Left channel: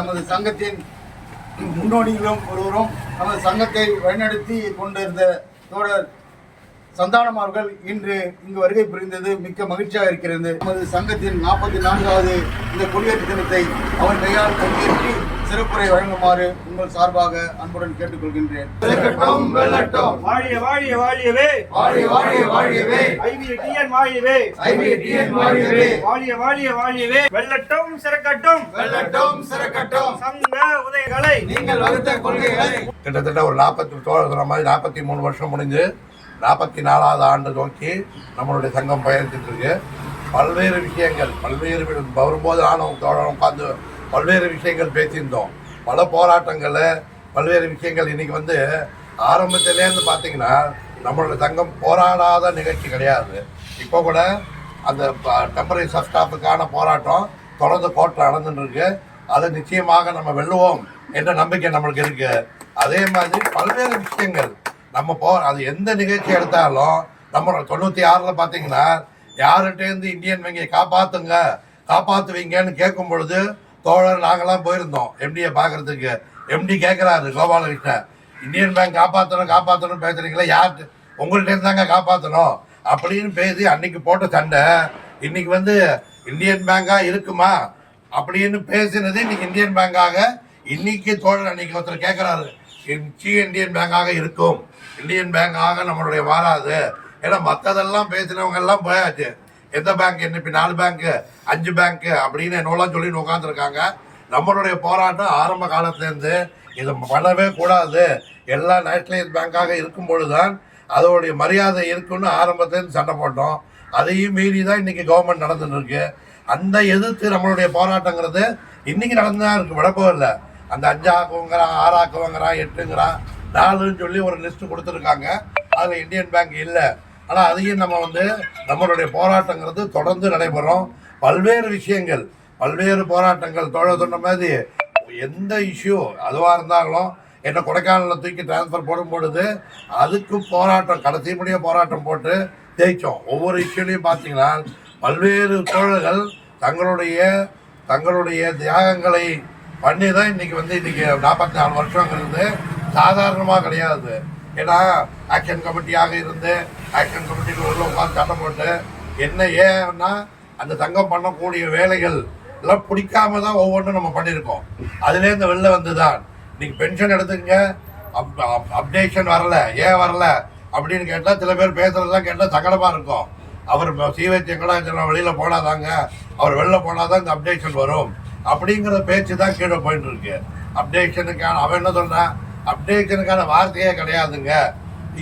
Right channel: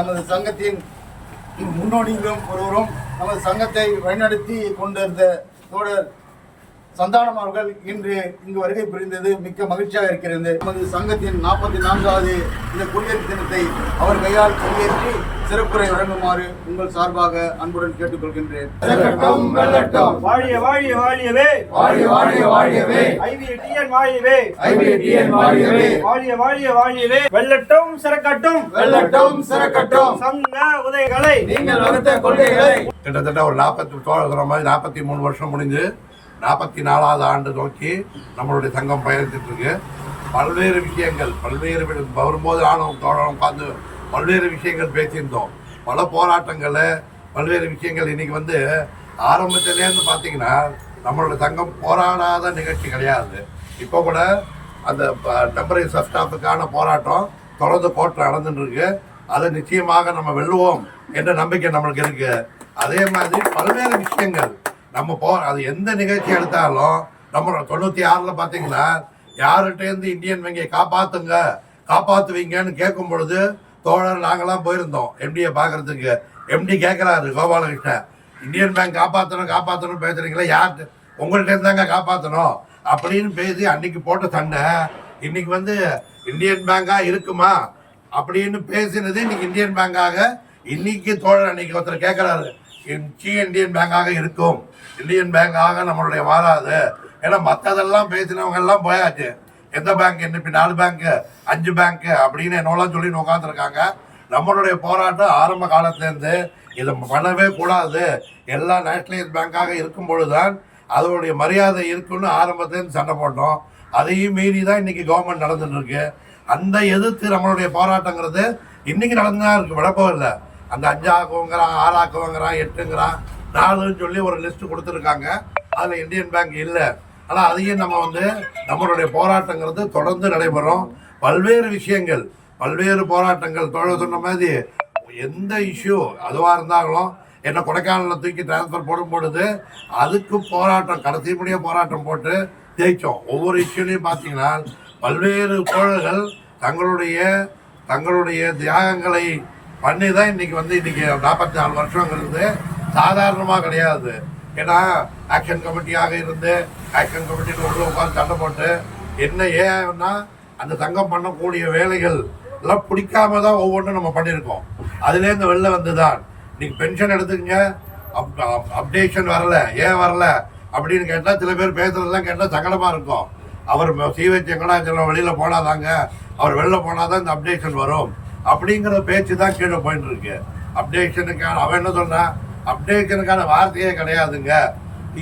நமது சங்கத்தின் முன்னோடிகளும் ஒருவரும் நமது சங்கத்தை வழிநடத்தி கொண்டிருந்த தோழர் சந்தானம் அவர்கள் இன்று இங்கு வருகை புரிந்தது மிக்க மகிழ்ச்சியாக இருக்கிறது. நமது சங்கத்தின் 44வது இந்த கொடியேற்று தினத்தை அவர் கையால் கொடியேற்றி சிறப்புரை வழங்குமாறு உங்கள் சார்பாக அன்புடன் கேட்டுக்கொள்கின்றேன். வாழிய வாழிய வாழியவே, வாழிய வாழிய வாழியவே, ஐவிடிஎன் வாழியவே, ஐவிடிஎன் வாழியவே, வாழிய வாழிய வாழியவே, வெல்லட்டும் சிறக்கட்டும், வெல்லட்டும் சிறக்கட்டும் சங்க உதயங்களை நீங்கள் வகுத்த கொள்கைகளை. கிட்டத்தட்ட ஒரு 43 வருஷம் முடிஞ்சு 44வது ஆண்டு நோக்கி நம்மளுடைய சங்கம் பயணித்துட்டு இருக்கு. பல்வேறு விஷயங்கள் வரும்போது நானும் தோழரும் உட்காந்து பல்வேறு விஷயங்கள் பேசியிருந்தோம். பல போராட்டங்களில் பல்வேறு விஷயங்கள் இன்னைக்கு ஆரம்பத்திலேருந்து பார்த்தீங்கன்னா நம்மளோட சங்கம் போராடாத நிகழ்ச்சி கிடையாது. இப்போ கூட அந்த டெம்பரரி சப்ஸ்டாஃபுக்கான போராட்டம் தொடர்ந்து கோர்ட்டில் நடந்துட்டு இருக்கு. அதை நிச்சயமாக நம்ம வெல்லுவோம் என்ற நம்பிக்கை நம்மளுக்கு இருக்கு. அதே மாதிரி பல்வேறு விஷயங்கள் நம்ம அது எந்த நிகழ்ச்சி எடுத்தாலும் நம்ம 96ல் பார்த்தீங்கன்னா யார்கிட்டேருந்து இந்தியன் வங்கியை காப்பாற்றுவீங்கன்னு கேட்கும் பொழுது தோழர் நாங்களாம் போயிருந்தோம் எம்டியை பார்க்கறதுக்கு. எம்டி கேட்குறாரு கோபாலகிருஷ்ணன், இந்தியன் பேங்க் காப்பாற்றணும் பேசுறீங்களா, யார்கிட்ட உங்கள்கிட்ட தாங்க காப்பாற்றணும் அப்படின்னு பேசி அன்னைக்கு போட்ட சண்டை இன்னைக்கு இந்தியன் பேங்காக இருக்குமா அப்படின்னு பேசினது இன்னைக்கு இந்தியன் பேங்காக இன்னைக்கு தோழர் அன்னைக்கு ஒருத்தர் கேட்குறாரு, இந்தியன் பேங்காக இருக்கும், இந்தியன் பேங்காக நம்மளுடைய மாறாது. ஏன்னா மற்றதெல்லாம் பேசினவங்க எல்லாம் போயாச்சு. எந்த பேங்க் இன்னைக்கு 4 பேங்க்கு 5 பேங்க்கு அப்படின்னு என்னெல்லாம் சொல்லி உட்காந்துருக்காங்க. நம்மளுடைய போராட்டம் ஆரம்ப காலத்துலேருந்து இதை பண்ணவே கூடாது, எல்லா நேஷனலைஸ் பேங்காக இருக்கும் பொழுதுதான் அதோடைய மரியாதை இருக்குன்னு ஆரம்பத்துலேருந்து சண்டை போட்டோம். அதையும் மீறி தான் இன்னைக்கு கவர்மெண்ட் நடந்துட்டு இருக்கு. அந்த எதிர்த்து நம்மளுடைய போராட்டங்கிறது இன்னைக்கு நடந்துதான் இருக்கு, விடப்போ இல்லை. அந்த 5 ஆக்குவங்கிறான், 6 ஆக்குவங்கிறான், 8ங்கிறான், 4ன்னு சொல்லி ஒரு லிஸ்ட்டு கொடுத்துருக்காங்க. அதில் இந்தியன் பேங்க் இல்லை. ஆனால் அதையும் நம்ம நம்மளுடைய போராட்டங்கிறது தொடர்ந்து நடைபெறும். பல்வேறு விஷயங்கள் பல்வேறு போராட்டங்கள் தோழர் சொன்ன மாதிரி எந்த இஷ்யூ அதுவாக இருந்தாலும் என்னை கொடைக்கானலில் தூக்கி டிரான்ஸ்ஃபர் போடும் பொழுது அதுக்கு போராட்டம் கடைசிப்படியாக போராட்டம் போட்டு ஜெயித்தோம். ஒவ்வொரு இஷ்யூலையும் பார்த்தீங்கன்னா பல்வேறு தோழர்கள் தங்களுடைய தியாகங்களை பண்ணி தான் இன்னைக்கு இன்னைக்கு 44 வருஷங்கிறது சாதாரணமாக கிடையாது. ஏன்னா ஆக்ஷன் கமிட்டியாக இருந்து ஆக்ஷன் கமிட்டியில் உள்ள உட்காந்து சண்டை போட்டு ஏன்னா அந்த சங்கம் பண்ணக்கூடிய வேலைகள் எல்லாம் பிடிக்காம தான் ஒவ்வொன்றும் நம்ம பண்ணியிருக்கோம். அதுலேருந்து வெளில வந்து தான் இன்னைக்கு பென்ஷன் எடுத்துக்கங்க, அப்டேஷன் வரல, ஏன் வரல அப்படின்னு கேட்டால் சில பேர் பேசுறதெல்லாம் கேட்டால் சங்கடமாக இருக்கும். அவர் சிவச் வெங்கடாச்சலம் வெளியில் போனாதாங்க, அவர் வெளில போனாதான் இந்த அப்டேஷன் வரும் அப்படிங்கிற பேச்சு தான் கீழே போயிட்டு இருக்கு. அப்டேஷனுக்கான அவன் என்ன சொல்றான், அப்டேஷனுக்கான வார்த்தையே கிடையாதுங்க.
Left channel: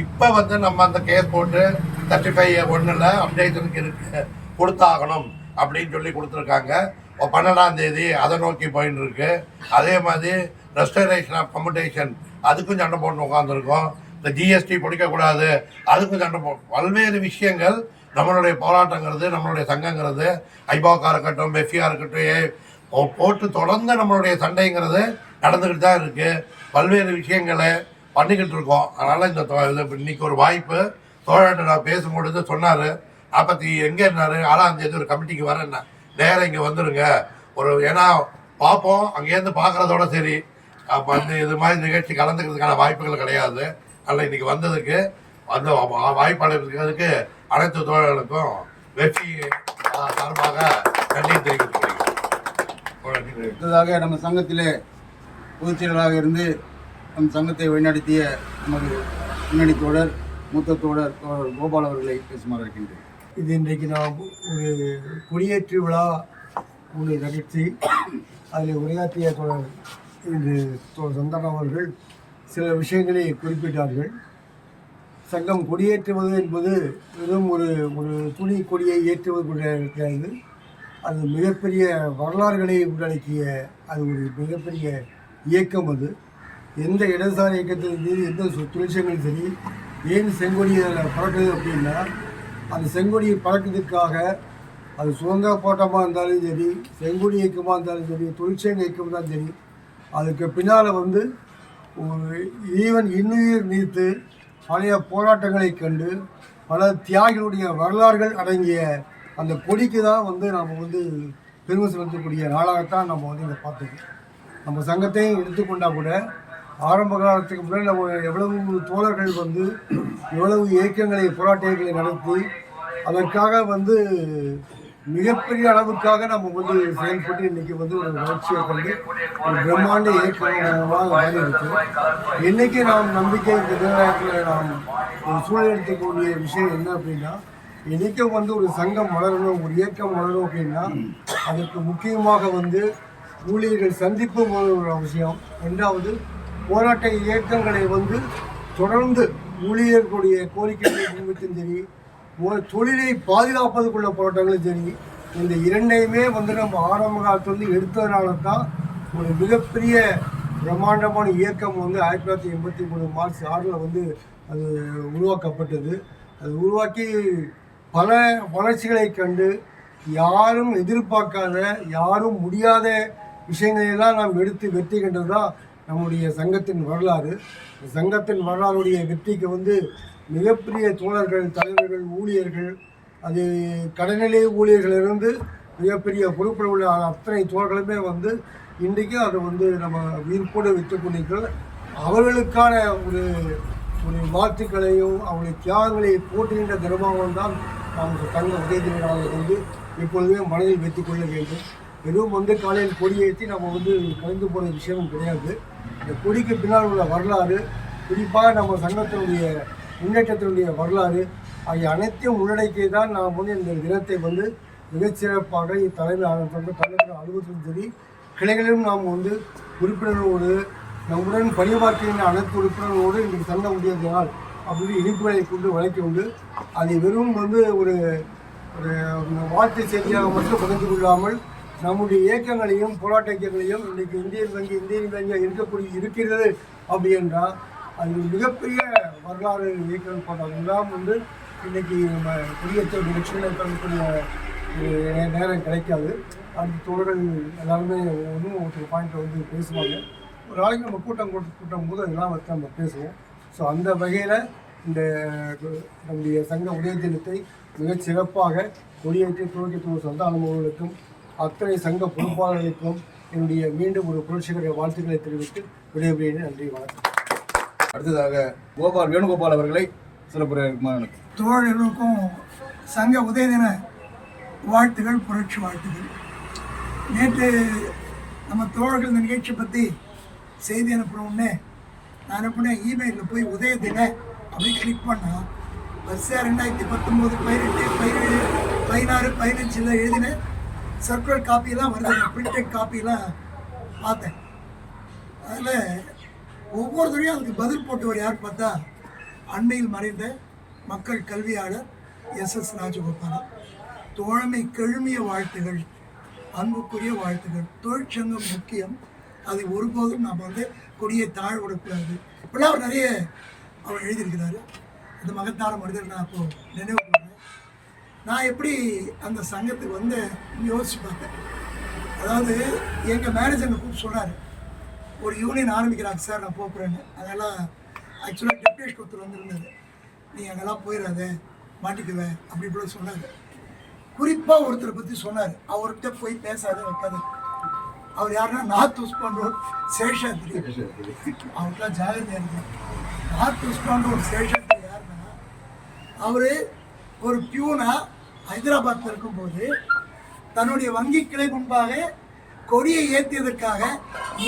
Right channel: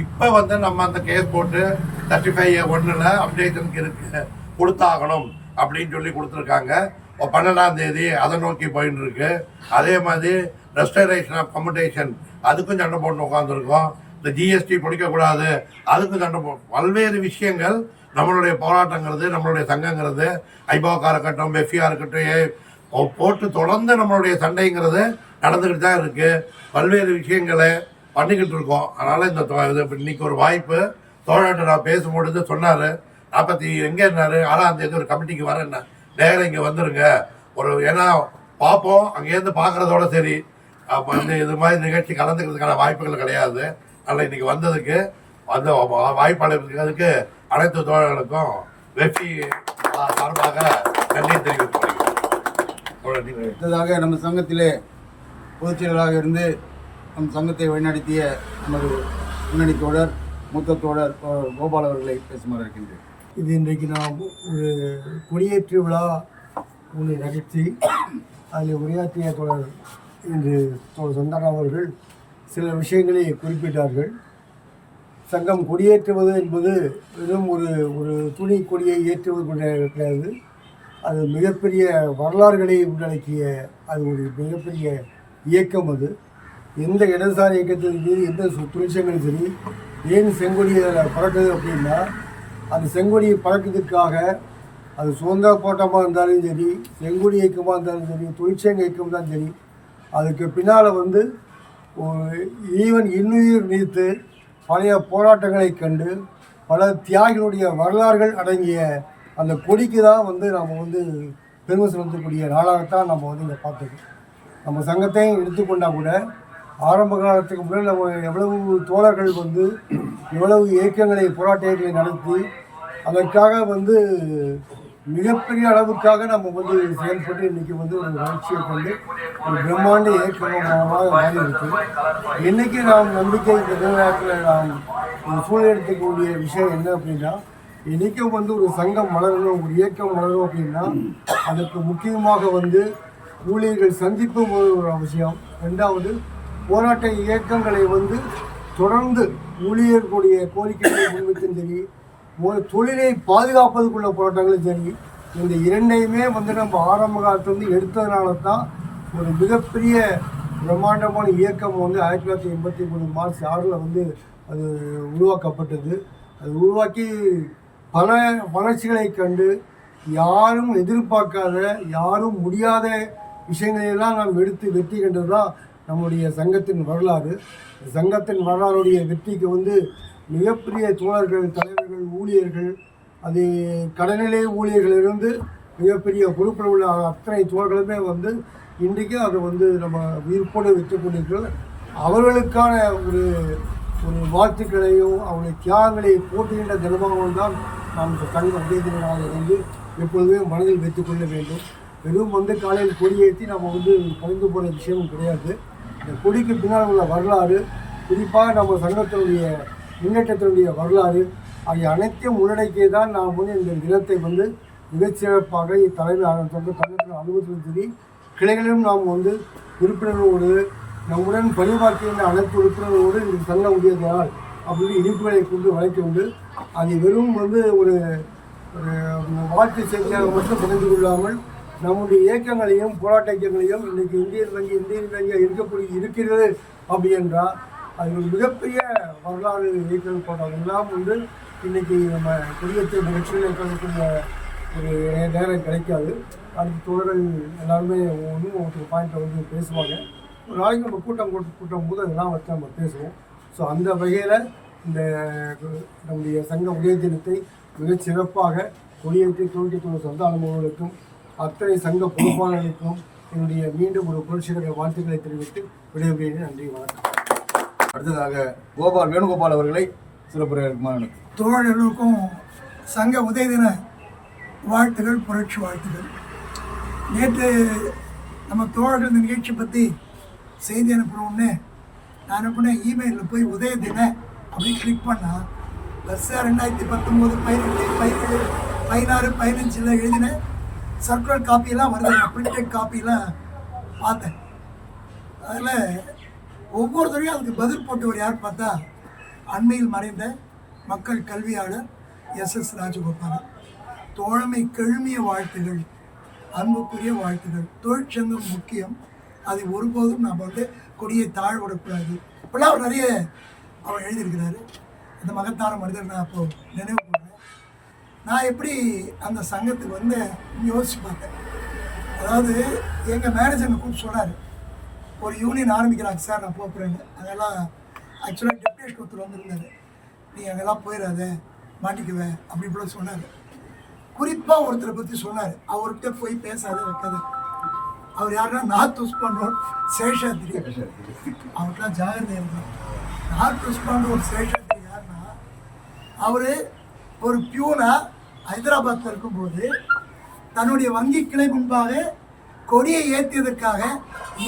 இப்போ நம்ம அந்த கேஸ் போட்டு 35(1) அப்டேஷனுக்கு இருக்கு கொடுத்தாகணும் அப்படின்னு சொல்லி கொடுத்துருக்காங்க. 12ஆம் தேதி அதை நோக்கி போயிட்டு இருக்கு. அதே மாதிரி ரெஸ்டரேஷன் ஆஃப் கம்யூட்டேஷன் அதுக்கும் சண்டை போட்டு உட்காந்துருக்கோம். இந்த ஜிஎஸ்டி பிடிக்கக்கூடாது அதுக்கும் சண்டை பல்வேறு விஷயங்கள் நம்மளுடைய போராட்டங்கிறது நம்மளுடைய சங்கங்கிறது ஐபாக்கா இருக்கட்டும், பெஃபியா இருக்கட்டும் போட்டு தொடர்ந்து நம்மளுடைய சண்டைங்கிறது நடந்துக்கிட்டு தான் இருக்குது. பல்வேறு விஷயங்களை பண்ணிக்கிட்டு இருக்கோம். அதனால் இன்னைக்கு ஒரு வாய்ப்பு தோழர்கிட்ட நான் பேசும்பொழுது சொன்னார், 40 எங்கே இருந்தார், 6ஆம் தேதி ஒரு கமிட்டிக்கு வரேன்னா நேரம் இங்கே வந்துடுங்க ஏன்னா பார்ப்போம், அங்கேருந்து பார்க்குறதோட சரி. அப்போ இது மாதிரி நிகழ்ச்சி கலந்துக்கிறதுக்கான வாய்ப்புகள் கிடையாது. அதனால் இன்னைக்கு வந்ததுக்கு அந்த வாய்ப்பு அளிக்கிறதுக்கு அனைத்து தோழர்களுக்கும் வெற்றி சார்பாக நன்றியை தெரிவித்துக் கொள்கிறேன். நம்ம சங்கத்திலே பொதுச் செயலராக இருந்து நம் சங்கத்தை வழிநடத்திய நமது முன்னணி தோழர் மூத்த தோழர் கோபால் அவர்களை பேசுமாறு இருக்கின்றேன். இது இன்றைக்கு நாம் ஒரு கொடியேற்று விழா ஒன்று நிகழ்ச்சி. அதில் உரையாற்றிய தோழர் இன்று சந்தானம் அவர்கள் சில விஷயங்களை குறிப்பிட்டார்கள். சங்கம் கொடியேற்றுவது என்பது வெறும் ஒரு துணி கொடியை ஏற்றுவது கிடையாது. அது மிகப்பெரிய வரலாறுகளை உள்ளடக்கிய அது ஒரு மிகப்பெரிய இயக்கம். அது எந்த இடதுசாரி இயக்கத்தின் மீது எந்த தொழிற்சங்களும் சரி ஏன் செங்கொடியை பறக்குது அப்படின்னா, அந்த செங்கொடியை பறக்கிறதுக்காக அது சுதந்திர போராட்டமாக இருந்தாலும் சரி, செங்கொடி இயக்கமாக இருந்தாலும் சரி, தொழிற்சங்க இயக்கம் தான் சரி, அதுக்கு பின்னால் ஈவன் இன்னுயிர் நீத்து பழைய போராட்டங்களை கண்டு பல தியாகிகளுடைய வரலாறுகள் அடங்கிய அந்த கொடிக்கு தான் நாம் பெருமை செலுத்தக்கூடிய நாளாகத்தான் நம்ம இதை பார்த்துக்கோம். நம்ம சங்கத்தையும் எடுத்துக்கொண்டா கூட ஆரம்ப காலத்துக்கு முன்னாடி நம்ம எவ்வளவு தோழர்கள் வந்து எவ்வளவு இயக்கங்களை போராட்ட இயக்கங்களை நடத்தி அதற்காக வந்து மிகப்பெரிய அளவுக்காக நம்ம வந்து செயல்பட்டு இன்றைக்கி வந்து ஒரு வளர்ச்சியை கொண்டு ஒரு பிரம்மாண்ட இயக்கமாக மாறி இருக்கு. இன்றைக்கி நாம் நம்பிக்கை இந்த நேரத்தில் நாம் ஒரு சூழல் எடுத்துக்கூடிய விஷயம் என்ன அப்படின்னா, இன்றைக்கும் வந்து ஒரு சங்கம் வளரணும், ஒரு இயக்கம் வளரணும் அப்படின்னா அதற்கு முக்கியமாக வந்து ஊழியர்கள் சந்திப்பு ஒரு அவசியம். ரெண்டாவது, போராட்ட இயக்கங்களை வந்து தொடர்ந்து ஊழியர்களுடைய கோரிக்கைகளை முன்வைத்தும் சரி, தொழிலை பாதுகாப்பதுக்குள்ள போராட்டங்களும் சரி, இந்த இரண்டையுமே வந்து நம்ம ஆரம்ப காலத்துலேருந்து எடுத்ததுனால தான் ஒரு மிகப்பெரிய பிரம்மாண்டமான இயக்கம் வந்து 1983 மார்ச் 6 வந்து அது உருவாக்கப்பட்டது. அது உருவாக்கி பல வளர்ச்சிகளை கண்டு யாரும் எதிர்பார்க்காத, யாரும் முடியாத விஷயங்களெல்லாம் நாம் எடுத்து வெற்றி கண்டது தான் நம்முடைய சங்கத்தின் வரலாறு. சங்கத்தின் வரலாறுடைய வெற்றிக்கு வந்து மிகப்பெரிய தோழர்கள், தலைவர்கள், ஊழியர்கள், அது கடைநிலை ஊழியர்களிலிருந்து மிகப்பெரிய பொறுப்பில் உள்ள அத்தனை தோழர்களுமே வந்து இன்றைக்கும் அதை வந்து நம்ம உயிர்ப்போடு வைத்துக் கொண்டிருக்கிறோம். அவர்களுக்கான ஒரு ஒரு வாழ்த்துக்களையும் அவருடைய தியாகங்களை போட்டுகின்ற தினமாகவும் தான் நாம் சங்க உதய நாளை வந்து எப்பொழுதுமே மனதில் வைத்துக்கொள்ள வேண்டும். வெறும் வந்து காலையில் கொடியேற்றி நம்ம வந்து கலந்து போகிற விஷயமும் கிடையாது. இந்த கொடிக்கு பின்னால் உள்ள வரலாறு, குறிப்பாக நம்ம சங்கத்தினுடைய முன்னேற்றத்தினுடைய வரலாறு ஆகிய அனைத்தையும் உள்ளடக்கியே தான் நாம் வந்து இந்த தினத்தை வந்து மிகச்சிறப்பாக தலைமை அலுவலகத்திலும் சரி கிளைகளிலும் நாம் வந்து உறுப்பினர்களோடு நம்முடன் பணியாற்றுகின்ற அனைத்து உறுப்பினர்களோடு இன்றைக்கு சங்க உதயத்தினால் அப்படின்னு இனிப்புகளை கொண்டு வழக்கி உண்டு. அதை வெறும் வந்து ஒரு ஒரு வாழ்த்து செய்தியாக மட்டும் பகிர்ந்து கொள்ளாமல் நம்முடைய இயக்கங்களையும் போராட்ட இயக்கங்களையும் இன்றைக்கு இந்தியன் வங்கி இருக்கிறது அப்படி என்றால் அது ஒரு மிகப்பெரிய வரலாறு இயக்கங்கள் போன்றவங்க எல்லாம் வந்து இன்றைக்கி நம்ம குடியேற்ற நிகழ்ச்சியில் கலக்கக்கூடிய ஒரு நேரம் கிடைக்காது. அடுத்த தோழர்கள் எல்லாருமே ஒருத்தர் பாயிண்ட்டை வந்து பேசுவாங்க. ஒரு நாளைக்கு நம்ம கூட்டம் போது அதெல்லாம் வச்சு நம்ம பேசுவோம். ஸோ அந்த வகையில் இந்த நம்முடைய சங்க உதய தினத்தை மிகச் சிறப்பாக கொடியேற்றி துவக்கி சொந்த அனுபவங்களுக்கும் அத்தனை சங்க பொறுப்பாளர்களுக்கும் என்னுடைய மீண்டும் ஒரு புரட்சிகர வாழ்த்துக்களை தெரிவித்து விடைபெறுகிறேன். நன்றி, வணக்கம். அடுத்ததாக வேணுகோபால் அவர்களை சிறப்புரையாளர் தோழர்களுக்கும் சங்க உதய தின வாழ்த்துகள், புரட்சி வாழ்த்துகள். நேற்று நம்ம தோழர்கள் இந்த நிகழ்ச்சி பற்றி செய்தி அனுப்புகிறோன்னே நான் அனுப்பினேன் இமெயிலில் போய் உதய தின அப்படின்னு கிளிக் பண்ணால் வரிசையாக 2019, 18, 17, 16, 15 எழுதின சர்க்குலர் காப்பியெல்லாம் வருது. பிரிண்டட் காப்பியெல்லாம் பார்த்தேன். அதில் ஒவ்வொரு தடையும் அதுக்கு பதில் போட்டவர் யார் பார்த்தா அண்மையில் மறைந்த மக்கள் கல்வியாளர் SS ராஜகோபாலன். தோழமை கெழுமிய வாழ்த்துகள், அன்புக்குரிய வாழ்த்துகள். தொழிற்சங்கம் முக்கியம், அதை ஒருபோதும் நாம் வந்து கொடியை தாழ் விடக்கூடாது. இப்போலாம் அவர் நிறைய அவர் எழுதியிருக்கிறாரு. அந்த மகத்தான மனிதர் நான் அப்போது நினைவு கூறேன். நான் எப்படி அந்த சங்கத்துக்கு வந்து யோசித்து பார்த்தேன். அதாவது எங்கள் மேனேஜர் கூப்பிட்டு சொன்னார், ஒரு யூனியன் ஆரம்பிக்கிறாங்க சார், நான் போகிறேன்னு. அதெல்லாம் ஆக்சுவலாக டெப்டேஷன் ஒருத்தர் வந்திருந்தார், நீ அங்கெல்லாம் போயிடாத மாட்டிக்குவேன் அப்படி இப்படி சொன்னார். குறிப்பாக ஒருத்தரை பற்றி சொன்னார், அவர்கிட்ட போய் பேசாத வைக்காது. அவர் யாருன்னா நார்த் உஸ்மான் சேஷாத்ரி. அவர்கிட்டலாம் ஜாகிரதையாக இருக்கணும். நார்த் உஸ்மான் சேஷாத்ரி யாருன்னா, அவர் ஒரு பியூனா ஹைதராபாத்தில் இருக்கும்போது தன்னுடைய வங்கி கிளை முன்பாக கொடியை ஏற்றியதற்காக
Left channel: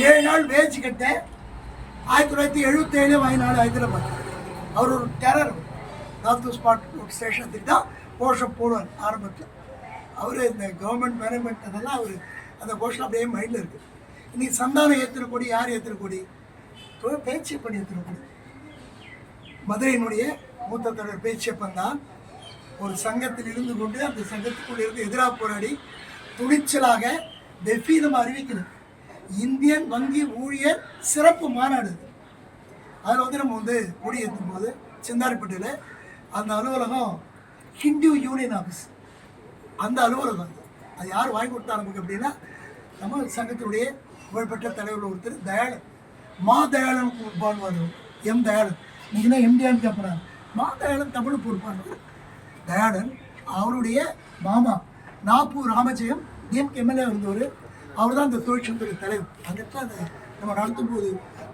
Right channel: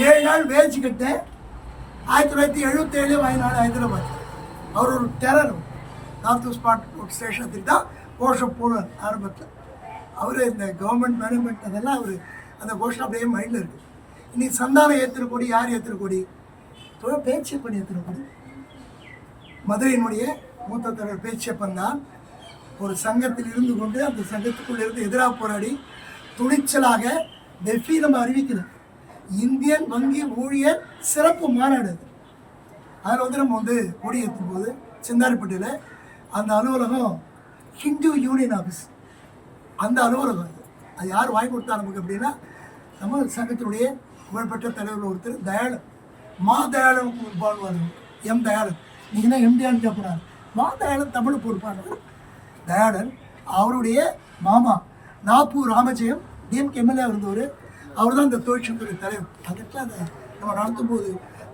7 நாள் வேச்சு கட்ட 1977 வயநாடு ஹைதராபாத். அவர் ஒரு டெரர். நார்த் ஸ்பாட் ஸ்டேஷன் தான் கோஷம் போடுவார் ஆரம்பத்தில். அவர் இந்த கவர்மெண்ட் மேனேஜ்மெண்ட் அதெல்லாம் அவர் அந்த கோஷம் அப்படியே மைண்டில் இருக்குது. இன்றைக்கி சந்தானம் ஏற்றுற கொடி யார் ஏற்றுற கொடி? பேச்சு பண்ணி ஏற்றுற கொடி. மதுரையினுடைய மூத்த தலைவர் பேச்சியப்பன் தான் ஒரு சங்கத்தில் இருந்து கொண்டு அந்த சங்கத்துக்குள்ள இருந்து எதிராக போராடி துணிச்சலாக வெஃபீதமாக அறிவிக்கிறார். இந்தியன் வங்கி ஊழியர் சிறப்பு மாநாடு. அதில் வந்து நம்ம வந்து கொடி ஏற்றும் போது சிந்தாரிப்பட்டியில் அந்த அலுவலகம் ஹிந்து யூனியன் ஆஃபீஸ், அந்த அலுவலகம் அது யார் வாங்கி கொடுத்தா நமக்கு அப்படின்னா நம்ம சங்கத்தினுடைய புகழ்பெற்ற தலைவர் ஒருத்தர் தயாளன், மா தயாளன் பாடுவார்கள். எம் தயாளன், நீங்கள் தான் எம்டிஆன்னு கேட்குறாங்க. மா தயாளன் தமிழ் பொறுப்பானவர் தயாளன். அவருடைய மாமா நாப்பூர் ராமஜெயம் டிஎம்கே எம்எல்ஏ இருந்தவர். அவர் தான் இந்த தொழிற்சங்கத்துறை தலைவர். அதுக்கு அதை நம்ம நடத்தும் போது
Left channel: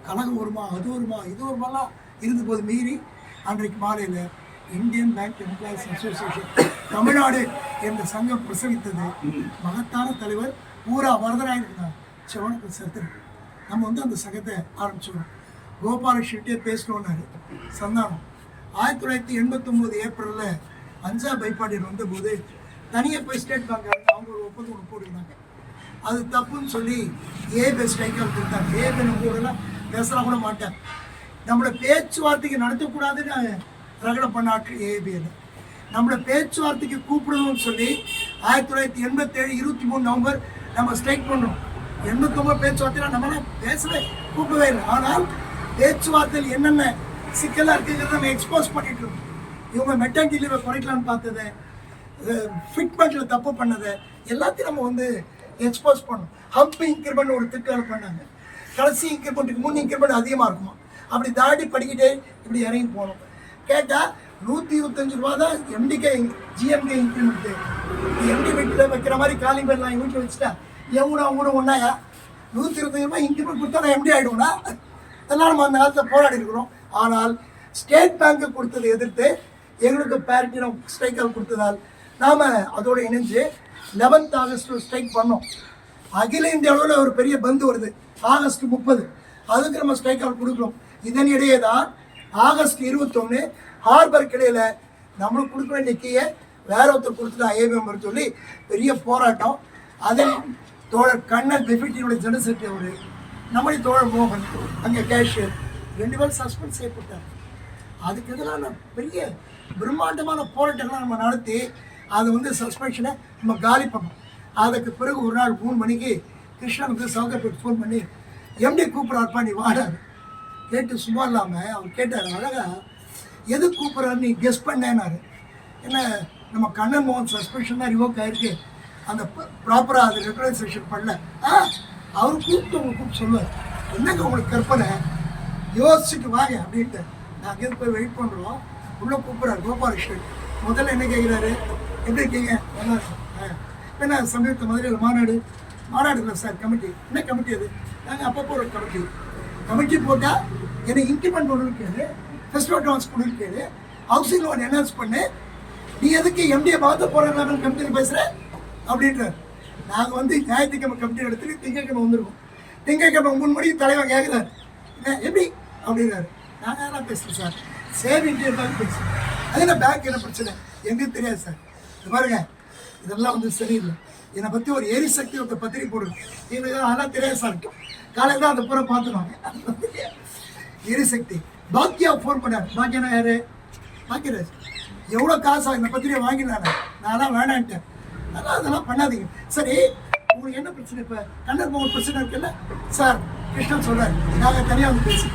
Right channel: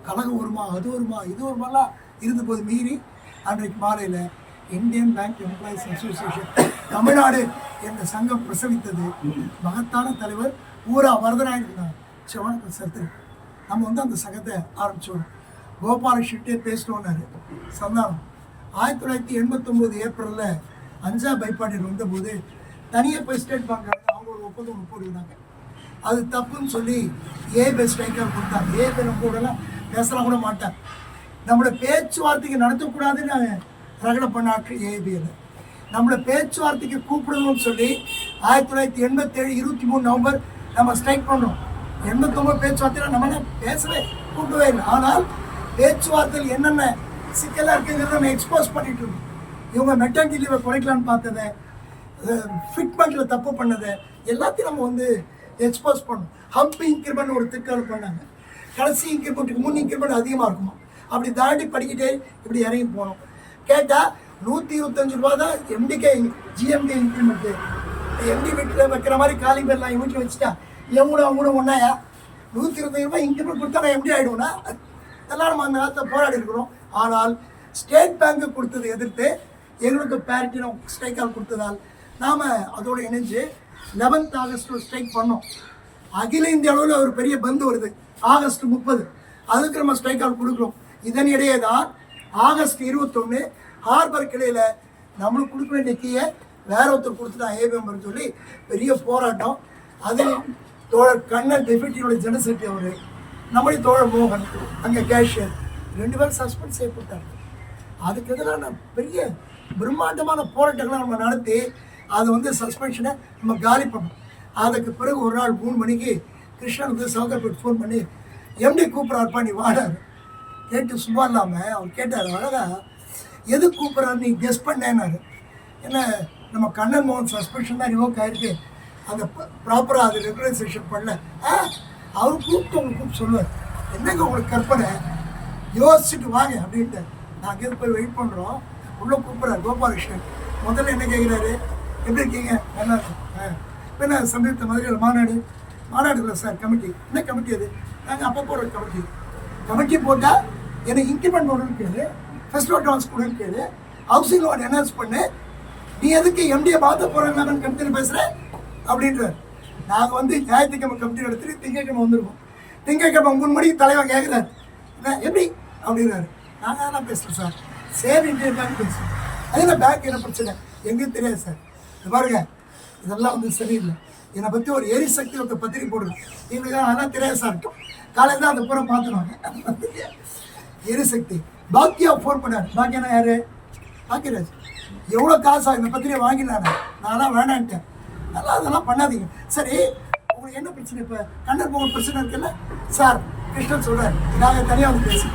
கழகம் வருமா, அது வருமா, இது வருமாலாம் இருந்தபோது மீறி அன்றைக்கு மாலையில் Indian bank employees association Tamil Nadu என்ற சங்கம் பிரசவித்தது. மகத்தான தலைவர் ஊரா வரதராயன் சிவன் சத்து. நம்ம வந்து அந்த சங்கத்தை ஆரம்பித்தோம். கோபால ஷெட்டியை பேசணுன்னாரு சந்தானம். 1989 ஏப்ரலில் அஞ்சா பைப்பாடியில் வந்தபோது தனியாக போய் ஸ்டேட் பேங்க் அவங்க ஒரு ஒப்பந்தம் ஒன்று போட்டுருந்தாங்க. அது தப்புன்னு சொல்லி ஏபி ஸ்ட்ரைக்கால் கொடுத்தாங்க. ஏபி நம்ம கூடலாம் பேசலாம் கூட மாட்டேன். நம்மளோட பேச்சுவார்த்தைக்கு நடத்தக்கூடாதுன்னு ரகலை பண்ணாட்டு ஏபியில் நம்மளோட பேச்சுவார்த்தைக்கு கூப்பிடணும்னு சொல்லி 1987 23 நவம்பர் நம்ம ஸ்ட்ரைக் பண்ணோம். 89 பேச்சுவார்த்தையில் நம்மளாம் பேசவே கூப்பிடவே இல்லை. ஆனால் பேச்சுவார்த்தையில் என்னென்ன சிக்கலாக இருக்குங்கிறத நம்ம எக்ஸ்போஸ் பண்ணிட்டு இருக்கோம். இவங்க மெட்டர்னிட்டி லீவை குறைக்கலான்னு பார்த்ததை, ஃபிட்மெண்ட்டில் தப்பு பண்ணதை எல்லாத்தையும் நம்ம வந்து எக்ஸ்போஸ் பண்ணோம். ஹம்ப் இன்க்ரிமெண்ட் ஒரு திட்டம் பண்ணாங்க. கடைசி இன்க்ரிமெண்ட்டுக்கு முன் இன்க்ரிமெண்ட் அதிகமாக இருக்குமா, அப்படி தாண்டி படிக்கிட்டே இப்படி இறங்கி போகணும். கேட்டால் 125 ரூபா தான் எம்டிகே ஜிஎம்கே இன்க்ரிமெண்ட்டு. எம்டி வீட்டில் வைக்கிற மாதிரி காலிங் பெல்லாம் என் வீட்டில் வச்சுட்டா எவ்வளோ அவங்களும் ஒன்றாயா 125 ரூபாய் இன்க்ரிமெண்ட் கொடுத்தா நான் எம்டி ஆகிடுவோம்னா எல்லாம் நம்ம அந்த காலத்தில் போராடி இருக்கிறோம். ஆனால் ஸ்டேட் பேங்க்கு கொடுத்ததை எதிர்த்து எங்களுக்கு பேரிட்டி ஸ்ட்ரைக்கால் கொடுத்ததால் நாம் அதோடு இணைஞ்சு 11th ஆகஸ்ட் ஸ்ட்ரைக் பண்ணோம். அகில இந்திய அளவில் ஒரு பெரிய பந்து வருது ஆகஸ்ட் 30, அதுக்கு நம்ம ஸ்ட்ரைக்கால் கொடுக்குறோம். இதனிடையே தான் ஆகஸ்ட் 21 ஹார்பர் கிளையில் நம்மளுக்கு கொடுக்க வேண்டிய கீயை வேற ஒருத்தர் கொடுத்துட்டான் ஏபிஎம் சொல்லி பெரிய போராட்டம். அதில் தோழர் கண்ணன் டெபியூட்டியோட ஜெனரல் செக்ரட்டரி அவர், நம்முடைய தோழர் மோகன் அங்கே கேஷியர் 2 பேரும் சஸ்பெண்ட் செய்யப்பட்டார். அதுக்கு எதிரான பெரிய பிரம்மாண்டமான போராட்டங்களை நம்ம நடத்தி அதை வந்து சஸ்பென்ஷனை நம்ம காலி பண்ணோம். அதுக்கு பிறகு ஒரு நாள் 3 மணிக்கு கிருஷ்ணன் வந்து சவுகர்பேட் ஃபோன் பண்ணி எம்டி கூப்பிட்றாருப்பா நீ வாடாரு கேட்டு சும்மா இல்லாமல் அவர் கேட்டார் அழகா எது கூப்பிட்றாரு நீ கெஸ் பண்ணேன்னாரு. என்ன நம்ம கண்ணன் மோகன் சஸ்பென்ஷன் தான் ரிவோக் ஆகிருக்கு, அந்த ப்ராப்பராக அது ரெகுலரைசேஷன் பண்ணல. அவர் கூப்பிட்டு உங்களுக்கு கூப்பிட்டு சொல்லுவார் என்னங்க உங்களுக்கு கற்பனை யோசிச்சுட்டு வாங்க அப்படின்ட்டு. நாங்கள் எது போய் வெயிட் பண்ணுறோம். உள்ளே கூப்பிட்றாரு கோபாலகிருஷ்ணன். முதல்ல என்ன கேட்குறாரு, எப்படி இருக்கீங்க, நல்லா இருக்கும். இப்போ என்ன சமீபத்தை மதுரையில் மாநாடு இல்லை சார் கமிட்டி. என்ன கமிட்டி அது? நாங்கள் அப்போ போடுற கமிட்டி போட்டால் எனக்கு இன்க்ரிமெண்ட் ஒன்று கேளு, ஃபர்ஸ்ட் அட்வான்ஸ் கொடுன்னு கேளு, ஹவுசிங் லோன் என்ஹான்ஸ் பண்ணு, நீ எதுக்கு எம்டியை மாற்ற போகிறாங்க கமிட்டியில் பேசுகிற அப்படின்றார். நாங்கள் வந்து ஞாயிற்றுக்கிழமை கமிட்டி எடுத்துட்டு திங்கக்கிழமை வந்துருக்கோம். திங்கக்கிழமை 3 மணிக்கு தலைவன் கேட்குறாரு எப்படி அப்படின்னாரு. நாங்கள் அதெல்லாம் பேசுகிறேன் சார், சேவிங் பேங்க் பேசுகிறேன். அது என்ன பேங்க் என்ன பிரச்சனை எங்களுக்கு தெரியாது சார். இது பாருங்க இதெல்லாம் வந்து சரியில்லை. என்னை பற்றி ஒரு எரிசக்தி ஒரு பத்திரிக்கை போடுங்க, எங்களுக்கு அதெல்லாம் தெரியாது சார். காலையில் தான் அந்த பூரா பார்த்துருவாங்க. எரிசக்தி பாக்கியா ஃபோன் பண்ணார். பாக்கியனா யாரு? பாக்கியராஜ். எவ்வளோ காசு இந்த பத்திரிக்கை வாங்கினானே, நான் தான் வேணான்ட்டேன். அதெல்லாம் பண்ணாதீங்க. சரி உங்களுக்கு என்ன பிரச்சனை? இப்போ கண்ணன் மோகன் பிரச்சனை இருக்குல்ல சார், கிருஷ்ணன் சொல்கிறார் நாங்கள் தனியாக வந்து பேசி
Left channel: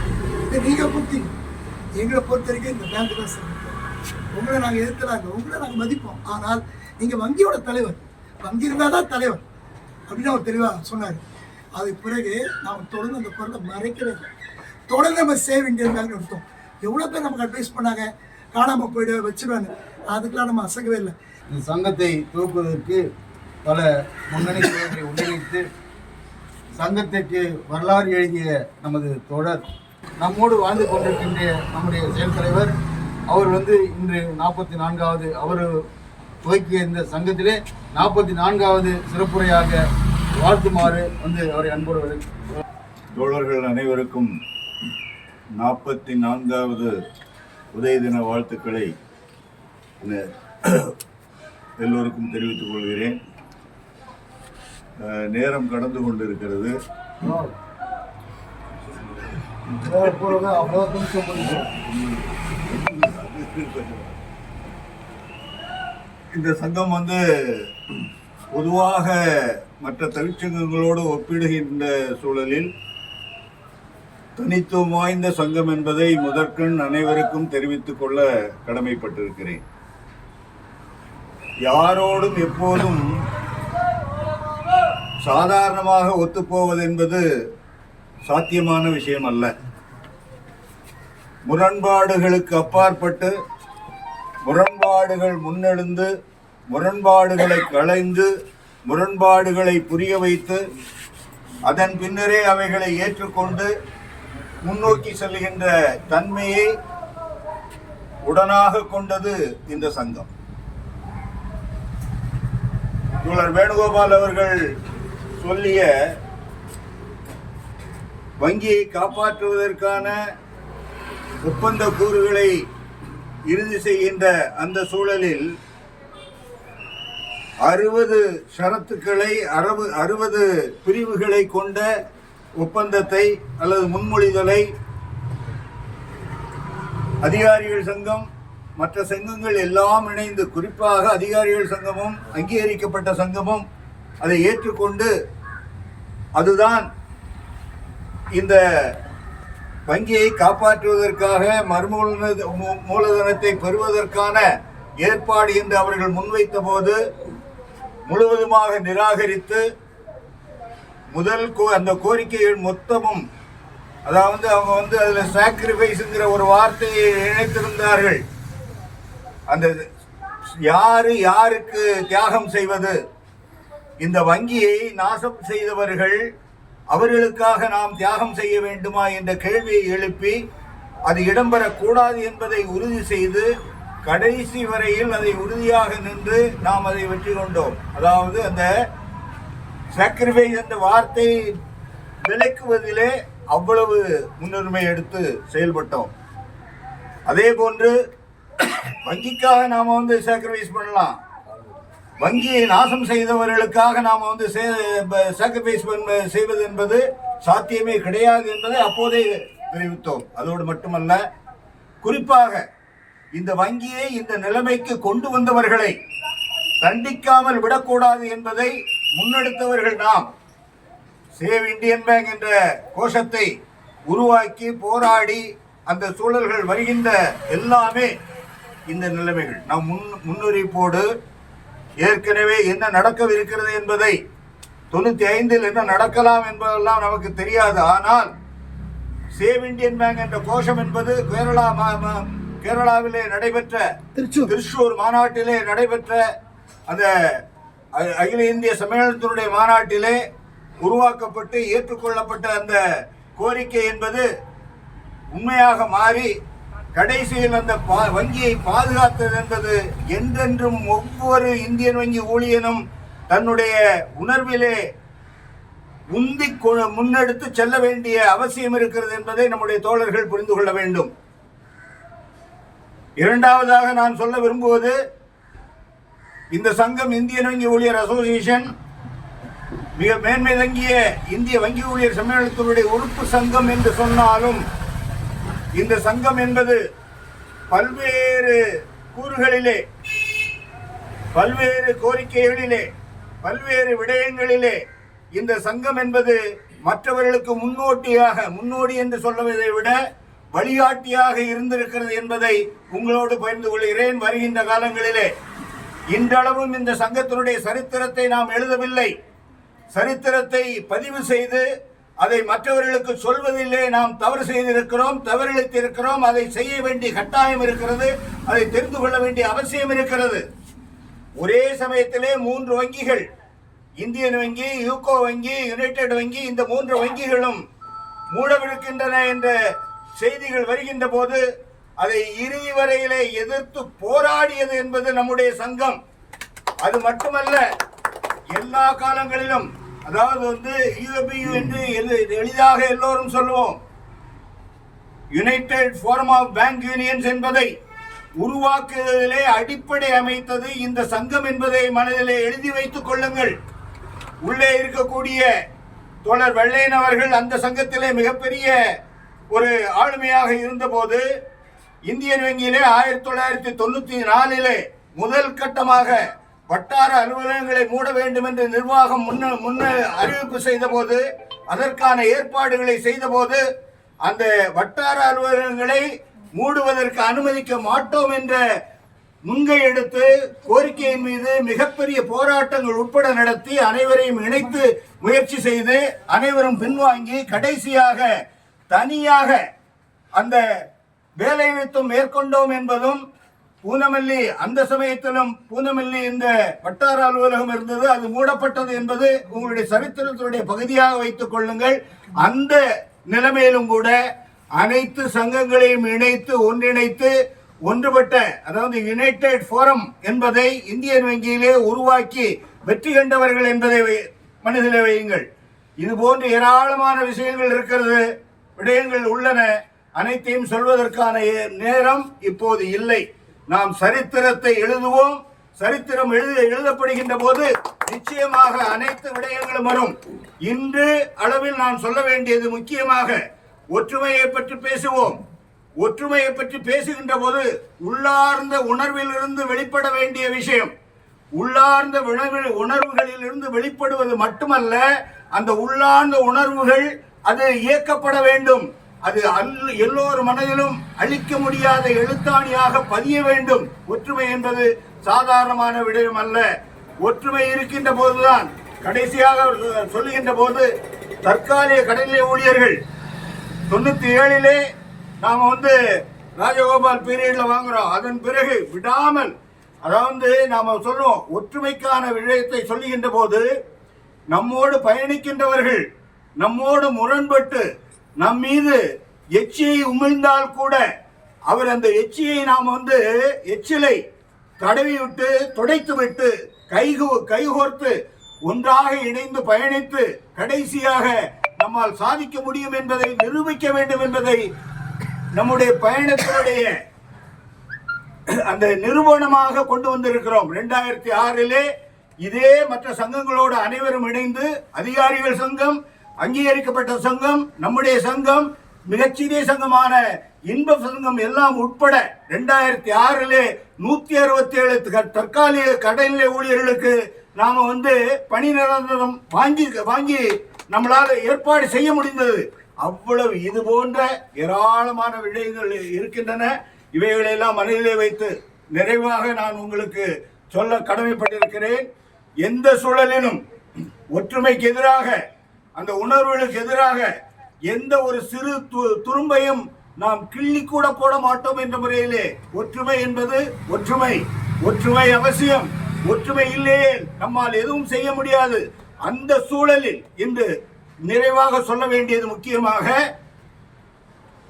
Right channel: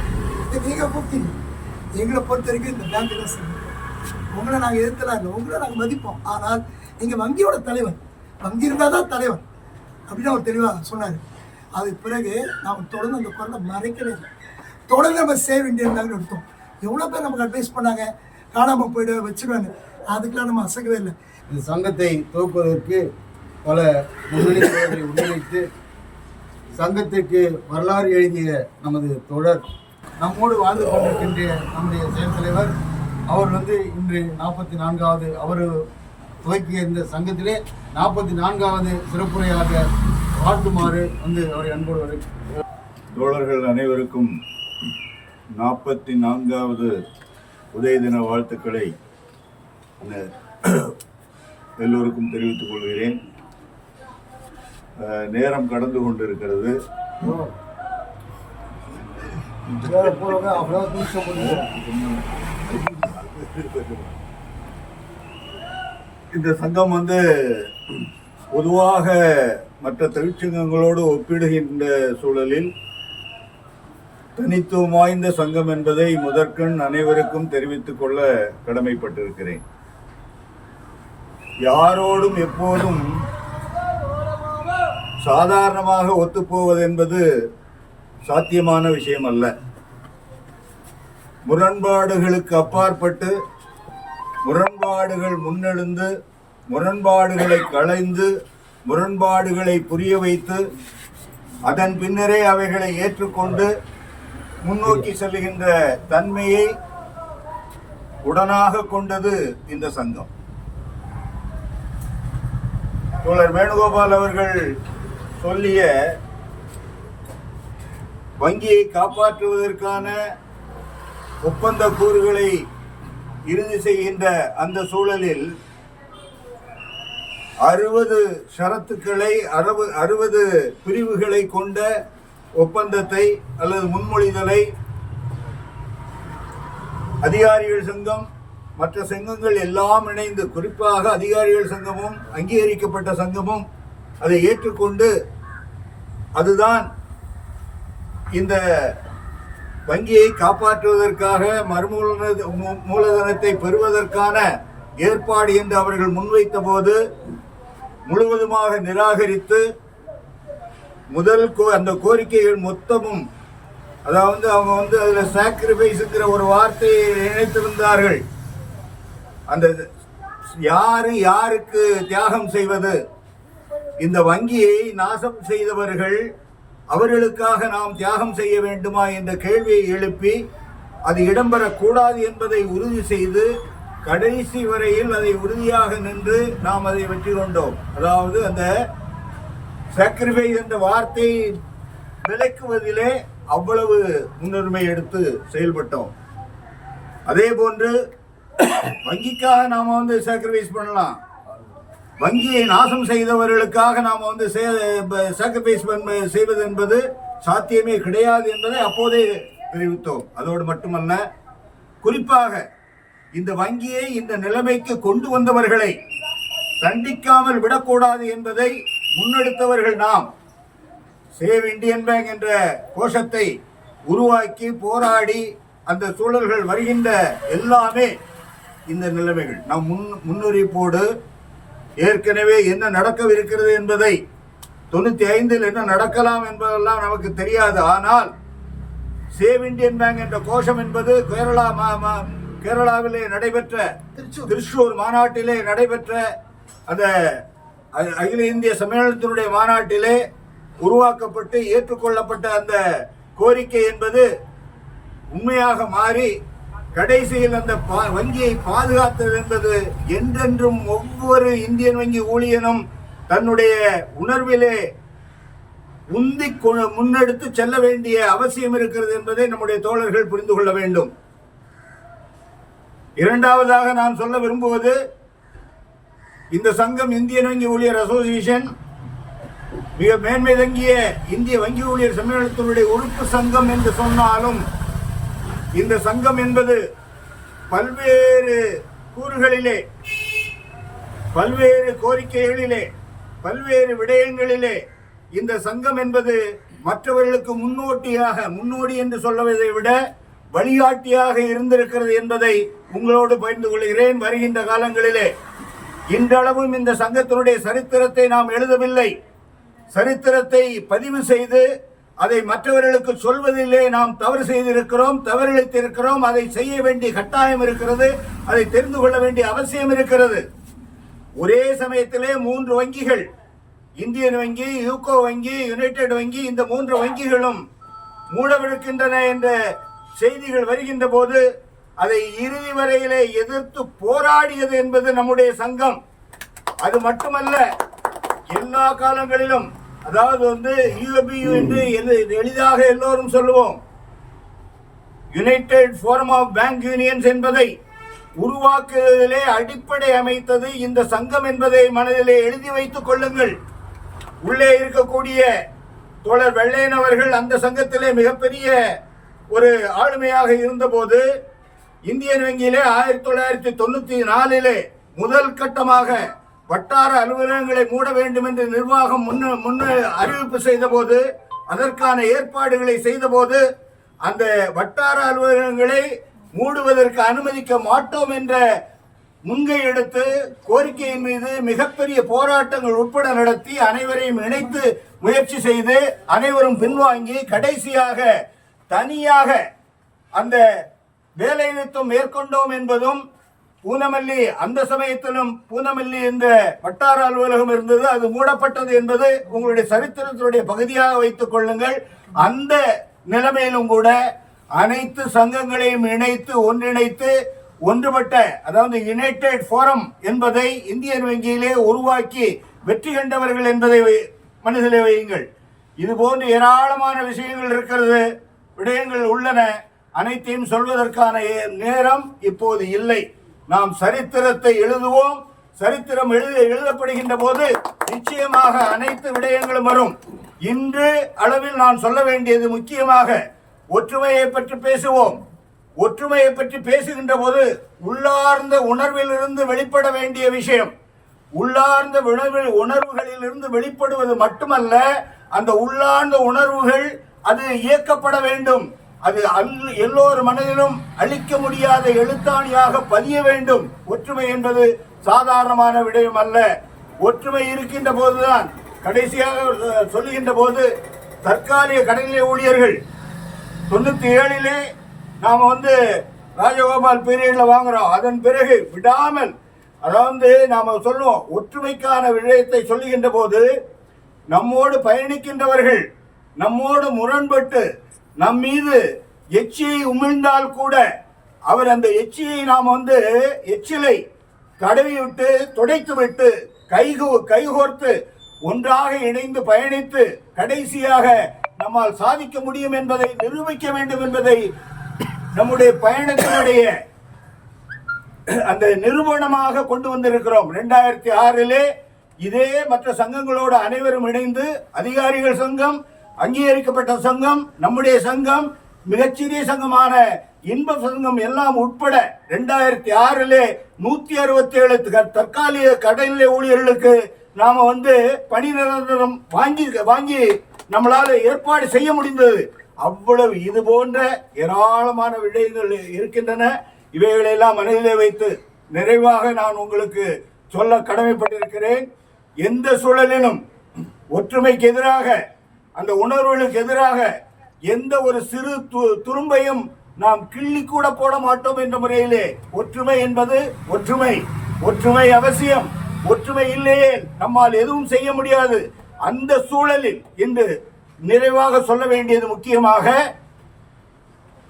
நீங்கள் கூப்பிட்டீங்க. எங்களை பொறுத்த வரைக்கும் இந்த பேங்க் தான் சார். உங்களை நாங்கள் எதிர்த்தலாம் இல்லை, உங்களை நாங்கள் மதிப்போம். ஆனால் நீங்கள் வங்கியோட தலைவர், வங்கி இருந்தால் தான் தலைவர் அப்படின்னு அவர் தெளிவாக சொன்னார். அதுக்கு பிறகு நாம் தொடர்ந்து அந்த குரலை மறைக்கவே இல்லை. தொடர்ந்து நம்ம சேவ் இண்டியன் பேங்க் எடுத்தோம். எவ்வளோ பேர் நமக்கு அட்வைஸ் பண்ணாங்க, காணாமல் போய்டு வச்சுருவாங்க, அதுக்கெல்லாம் நம்ம அசைக்கவே இல்லை. இந்த சங்கத்தை துவக்குவதற்கு பல முன்னணி தோழர்களை ஒன்றிணைத்து சங்கத்திற்கு வரலாறு எழுதிய நமது தோழர் நம்மோடு வாழ்ந்து கொண்டிருக்கின்ற நம்முடைய செயல் தலைவர் அவர் வந்து இன்று 44வது அவர் துவக்கிய இந்த சங்கத்திலே 44வது சிறப்புரையாக வாழ்த்துமாறு வந்து அவரை அன்போடு தோழர்கள் அனைவருக்கும் 44வது உதய தின வாழ்த்துக்களை எல்லோருக்கும் தெரிவித்துக் கொள்கிறேன். நேரம் கடந்து கொண்டிருக்கிறது. இந்த சங்கம் வந்து பொதுவாக மற்ற தொழிற்சங்கங்களோடு ஒப்பிடுகின்ற சூழலில் தனித்துவம் வாய்ந்த சங்கம் என்பதை முதற்கண் அனைவருக்கும் தெரிவித்துக் கொள்ள கடமைப்பட்டிருக்கிறேன். யாரோடும் எப்போதும் சாதாரணமாக ஒத்துப்போவது என்பது சாத்தியமான விஷயம் அல்ல. முரண்பாடுகளுக்கு அப்பாற்பட்டு முரண்பாடுகள் முன்னெழுந்து முரண்பாடுகளை களைந்து முரண்பாடுகளை புரிய வைத்து அதன் பின்னரே அவைகளை ஏற்றுக்கொண்டு முன்னோக்கி செல்கின்ற தன்மையை உடனாக கொண்டது இந்த சங்கம். தோழர் வேணுகோபால் அவர்கள் சொல்லிய வங்கியை காப்பாற்றுவதற்கான ஒப்பந்த கூறுகளை இறுதி செய்கின்ற அந்த சூழலில் 60 ஷரத்துக்களை 60 பிரிவுகளை கொண்ட ஒப்பந்தத்தை அல்லது முன்மொழிதலை அதிகாரிகள் சங்கம் மற்ற சங்கங்கள் எல்லாம் இணைந்து, குறிப்பாக அதிகாரிகள் சங்கமும் அங்கீகரிக்கப்பட்ட சங்கமும் அதை ஏற்றுக்கொண்டு அதுதான் இந்த வங்கியை காப்பாற்றுவதற்காக மூலதனத்தை பெறுவதற்கான ஏற்பாடு என்று அவர்கள் முன்வைத்த போது முழுவதுமாக நிராகரித்து அந்த கோரிக்கைகள் மொத்தமும், அதாவது அவங்க அதில் சாக்ரிஃபைஸ்ங்கிற ஒரு வார்த்தையை நினைத்திருந்தார்கள். அந்த யாருக்கு தியாகம் செய்வது, இந்த வங்கியை நாசம் செய்தவர்கள் அவர்களுக்காக நாம் தியாகம் செய்ய வேண்டுமா என்ற கேள்வியை எழுப்பி அது இடம்பெறக்கூடாது என்பதை உறுதி செய்து கடைசி வரையில் அதை உறுதியாக நின்று நாம் அதை வெற்றி கொண்டோம். அதாவது அந்த சாக்ரிஃபைஸ் என்ற வார்த்தை விலக்குவதிலே அவ்வளவு முன்னுரிமை எடுத்து செயல்பட்டோம். அதே போன்று வங்கிக்காக நாம் சாக்ரிஃபைஸ் பண்ணலாம், வங்கியை நாசம் செய்தவர்களுக்காக நாம் சாக்ரிஃபைஸ் செய்வது என்பது சாத்தியமே கிடையாது என்பதை அப்போதே தெரிவித்தோம். அதோடு மட்டுமல்ல, குறிப்பாக இந்த வங்கியை இந்த நிலைமைக்கு கொண்டு வந்தவர்களை தண்டிக்காமல் விடக்கூடாது என்பதை முன்னெடுத்தவர்கள் நாம். சேவ் இந்தியன் பேங்க் என்ற கோஷத்தை உருவாக்கி போராடி அந்த சூழல்கள் வருகின்ற எல்லாமே இந்த நிலைமைகள் நாம் முன்னறிவிப்போடு ஏற்கனவே என்ன நடக்கவிருக்கிறது என்பதை 95 என்ன நடக்கலாம் என்பதெல்லாம் நமக்கு தெரியாது. ஆனால் சேவ் இந்தியன் பேங்க் என்ற கோஷம் என்பது கேரளாவிலே நடைபெற்ற திருச்சூர் மாநாட்டிலே நடைபெற்ற அந்த அகில இந்திய சம்மேளனத்தினுடைய மாநாட்டிலே உருவாக்கப்பட்டு ஏற்றுக்கொள்ளப்பட்ட அந்த கோரிக்கை என்பது உண்மையாக மாறி கடைசியில் அந்த வங்கியை பாதுகாத்தது என்பது என்றென்றும் ஒவ்வொரு இந்தியன் வங்கி ஊழியனும் தன்னுடைய உணர்விலே உந்தி முன்னெடுத்து செல்ல வேண்டிய அவசியம் இருக்கிறது என்பதை நம்முடைய தோழர்கள் புரிந்து கொள்ள வேண்டும். இரண்டாவதாக நான் சொல்ல விரும்புவது, இந்த சங்கம் இந்தியன் வங்கி ஊழியர் அசோசியேஷன் மிக மேன்மை தங்கிய இந்திய வங்கி ஊழியர் சம்மேளனத்தினுடைய உறுப்பு சங்கம் என்று சொன்னாலும் இந்த சங்கம் என்பது பல்வேறு கூறுகளிலே, பல்வேறு கோரிக்கைகளிலே, பல்வேறு விடயங்களிலே இந்த சங்கம் என்பது மற்றவர்களுக்கு முன்னோடி என்று சொல்வதை விட வழிகாட்டியாக இருந்திருக்கிறது என்பதை உங்களோடு பகிர்ந்து கொள்கிறேன். வருகின்ற காலங்களிலே இன்றளவும் இந்த சங்கத்தினுடைய சரித்திரத்தை நாம் எழுதவில்லை. சரித்திரத்தை பதிவு செய்து அதை மற்றவர்களுக்கு சொல்வதிலே நாம் தவறு செய்திருக்கிறோம், தவறிழைத்திருக்கிறோம். அதை செய்ய வேண்டிய கட்டாயம் இருக்கிறது, அதை தெரிந்து கொள்ள வேண்டிய அவசியம் இருக்கிறது. ஒரே சமயத்திலே 3 வங்கிகள், இந்தியன் வங்கி, யூகோ வங்கி, யுனைடெட் வங்கி, இந்த 3 வங்கிகளும் மூடவிருக்கின்றன என்ற செய்திகள் வருகின்ற போது அதை இறுதி வரையிலே எதிர்த்து போராடியது என்பது நம்முடைய சங்கம். அது மட்டுமல்ல, எல்லா காலங்களிலும், அதாவது யூஎபியு என்று எளிதாக எல்லோரும் சொல்லுவோம், united forum of bank unions என்பதை உருவாக்குவதிலே அடிப்படை அமைத்தது இந்த சங்கம் என்பதை மனதிலே எழுதி வைத்துக் கொள்ளுங்கள். உள்ளே இருக்கக்கூடிய தோழர் வெள்ளையன் அவர்கள் அந்த சங்கத்திலே மிகப்பெரிய ஒரு ஆளுமையாக இருந்தபோது இந்தியன் வங்கியிலே 1994 முதல் கட்டமாக வட்டார அலுவலகங்களை மூட வேண்டும் என்று நிர்வாகம் முன்ன அறிவிப்பு செய்த போது, அதற்கான ஏற்பாடுகளை செய்த போது, அந்த வட்டார அலுவலகங்களை மூடுவதற்கு அனுமதிக்க மாட்டோம் என்ற முன்கை எடுத்து கோரிக்கையின் மீது மிகப்பெரிய போராட்டங்கள் உட்பட நடத்தி அனைவரையும் இணைத்து முயற்சி செய்து அனைவரும் பின்வாங்கி கடைசியாக தனியாக அந்த வேலைநிறுத்தம் மேற்கொண்டோம் என்பதும் பூந்தமல்லி அந்த சமயத்திலும் பூந்தமல்லி இந்த வட்டார அலுவலகம் இருந்தது, அது மூடப்பட்டது என்பது உங்களுடைய சரித்திரத்தினுடைய பகுதியாக வைத்துக் கொள்ளுங்கள். அந்த நிலைமையிலும் கூட அனைத்து சங்கங்களையும் இணைத்து ஒன்றிணைத்து ஒன்றுபட்ட, அதாவது யுனைடெட் ஃபோரம் என்பதை இந்தியன் வங்கியிலே உருவாக்கி வெற்றி கண்டவர்கள் என்பதை மனதிலே வையுங்கள். இது போன்று ஏராளமான விஷயங்கள் இருக்கிறது, விடயங்கள் உள்ளன. அனைத்தையும் சொல்வதற்கான நேரம் இப்போது இல்லை. நாம் சரித்திரத்தை எழுதுவோம். சரித்திரம் எழுதப்படுகின்ற போது நிச்சயமாக அனைத்து விடயங்களும் வரும். இன்று அளவில் நான் சொல்ல வேண்டியது முக்கியமாக ஒற்றுமையை பற்றி பேசுவோம். ஒற்றுமையை பற்றி பேசுகின்ற போது உள்ளார்ந்த உணர்வில் இருந்து வெளிப்பட வேண்டிய விஷயம். உள்ளார்ந்த உணர்வுகளில் இருந்து வெளிப்படுவது மட்டுமல்ல, அந்த உள்ளார்ந்த உணர்வுகள் அது இயக்கப்பட வேண்டும். அது எல்லோர் மனதிலும் அழிக்க முடியாத எழுத்தாணியாக பதிய வேண்டும். ஒற்றுமை என்பது சாதாரணமான விடயம் அல்ல. ஒற்றுமை இருக்கின்ற போதுதான், கடைசியாக சொல்லுகின்ற போது, தற்காலிக கடைநிலை ஊழியர்கள் 97 நாம் ராஜகோபால் பீரியட்ல வாங்குறோம். அதன் பிறகு விடாமல், அதாவது நாம சொல்லுவோம், ஒற்றுமைக்கான விடயத்தை சொல்லுகின்ற போது நம்மோடு பயணிக்கின்றவர்கள் நம்மோடு முரண்பட்டு நம் மீது எச்சியை உமிழ்ந்தால் கூட அவர் அந்த எச்சியை நாம் எச்சிலை தடவி விட்டு துடைத்து விட்டு கைகோர்த்து ஒன்றாக இணைந்து பயணித்து கடைசியாக நம்மால் சாதிக்க முடியும் என்பதை நிரூபிக்க வேண்டும் என்பதை நம்முடைய பயணத்தினுடைய அந்த நிரூபணமாக கொண்டு வந்திருக்கிறோம். 2006 இதே மற்ற சங்கங்களோடு அனைவரும் இணைந்து, அதிகாரிகள் சங்கம், அங்கீகரிக்கப்பட்ட சங்கம், நம்முடைய சங்கம், மிகச்சிறிய சங்கமான இன்ப சங்கம் எல்லாம் உட்பட 2006 167 தற்காலிக கடைநிலை ஊழியர்களுக்கு நாம பணி நிரந்தரம் வாங்கி நம்மளால ஏற்பாடு செய்ய முடிந்தது. அவ்வளவு இது போன்ற ஏராளமான விடயங்கள் இருக்கின்றன. இவைகளெல்லாம் மனதிலே வைத்து நிறைவாக நான் உங்களுக்கு சொல்ல கடமைப்பட்டிருக்கிறேன். எந்த சூழலிலும் ஒற்றுமைக்கு எதிராக, அந்த உணர்வுகளுக்கு எதிராக எந்த ஒரு சிறு துரும்பையும் நாம் கிள்ளி கூட போட மாட்டோம் என்ற முறையிலே ஒற்றுமை என்பது ஒற்றுமை அவசியம். ஒற்றுமை இல்லையே நம்மால் எதுவும் செய்ய முடியாது. அந்த சூழலில் இன்று நிறைவாக சொல்ல வேண்டியது முக்கியமாக,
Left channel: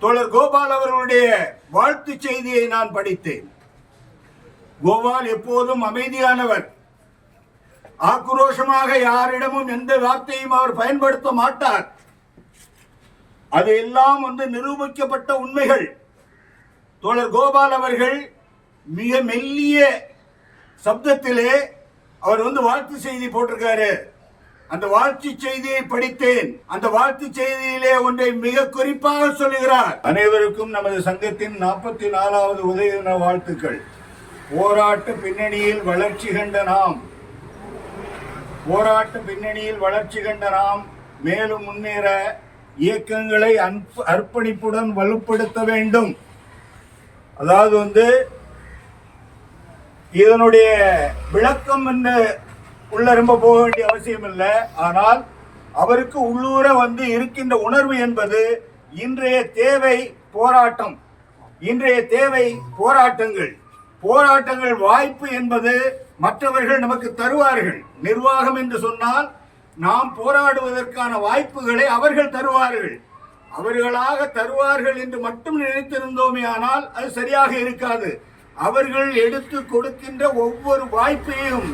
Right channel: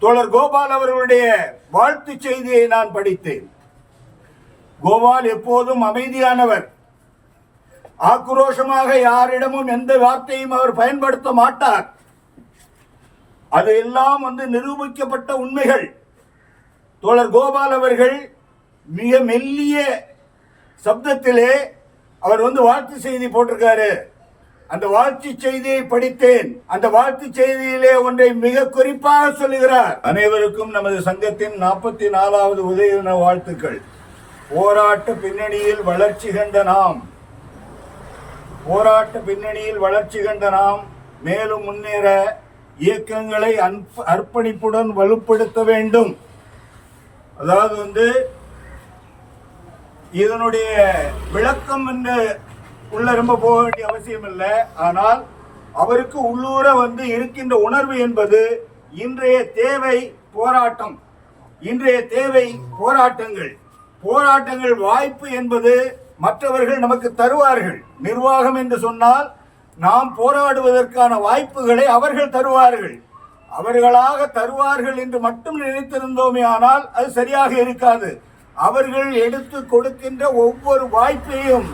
தோழர் கோபால் அவர்களுடைய வாழ்த்து செய்தியை நான் படித்தேன். கோபால் எப்போதும் அமைதியானவர். ஆக்ரோஷமாக யாரிடமும் எந்த வார்த்தையும் அவர் பயன்படுத்த மாட்டார். அதையெல்லாம் நிரூபிக்கப்பட்ட உண்மைகள். தோழர் கோபால் அவர்கள் மிக மெல்லிய சப்தத்திலே அவர் வாழ்த்து செய்தி போட்டிருக்காரு. அந்த வாழ்த்து செய்தியை படித்தேன். அந்த வாழ்த்து செய்தியிலே ஒன்றை மிக குறிப்பாக சொல்லுகிறார். அனைவருக்கும் நமது சங்கத்தின் 44வது உதய தின வாழ்த்துக்கள். போராட்ட பின்னணியில் வளர்ச்சி கண்ட நாம் மேலும் முன்னேற இயக்கங்களை அர்ப்பணிப்புடன் வலுப்படுத்த வேண்டும். அதாவது இதனுடைய விளக்கம் என்ன உள்ள ரொம்ப போக வேண்டிய அவசியம் இல்லை. ஆனால் அவருக்கு உள்ளூர இருக்கின்ற உணர்வு என்பது இன்றைய தேவை போராட்டம், இன்றைய தேவை போராட்டங்கள் வாய்ப்பு என்பது மற்றவர்கள் நமக்கு தருவார்கள். நிர்வாகம் என்று சொன்னால் நாம் போராடுவதற்கான வாய்ப்புகளை அவர்கள் தருவார்கள். அவர்களாக தருவார்கள் என்று மட்டும் நினைத்திருந்தோமே ஆனால் அது சரியாக இருக்காது. அவர்கள் எடுத்து கொடுக்கின்ற ஒவ்வொரு வாய்ப்பையும்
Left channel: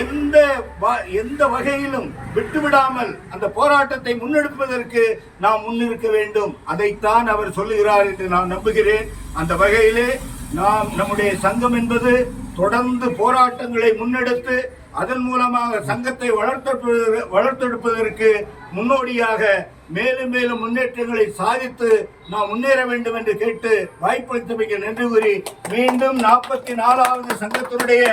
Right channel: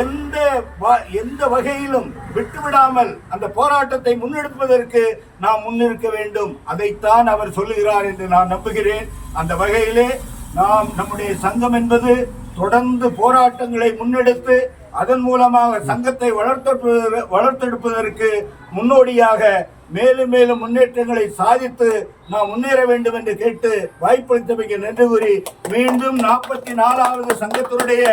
எந்த வகையிலும் விட்டுவிடாமல் அந்த போராட்டத்தை முன்னெடுப்பதற்கு நாம் முன்னிற்க வேண்டும். அதைத்தான் அவர் சொல்லுகிறார் என்று நான் நம்புகிறேன். அந்த வகையிலே நாம் நம்முடைய சங்கம் என்பது தொடர்ந்து போராட்டங்களை முன்னெடுத்து அதன் மூலமாக சங்கத்தை வளர்த்தெடுப்பதற்கு முன்னோடியாக மேலும் மேலும் முன்னேற்றங்களை சாதித்து நாம் முன்னேற வேண்டும் என்று கேட்டு வாய்ப்பளித்தமைக்கு நன்றி கூறி மீண்டும் 44வது சங்கத்தினுடைய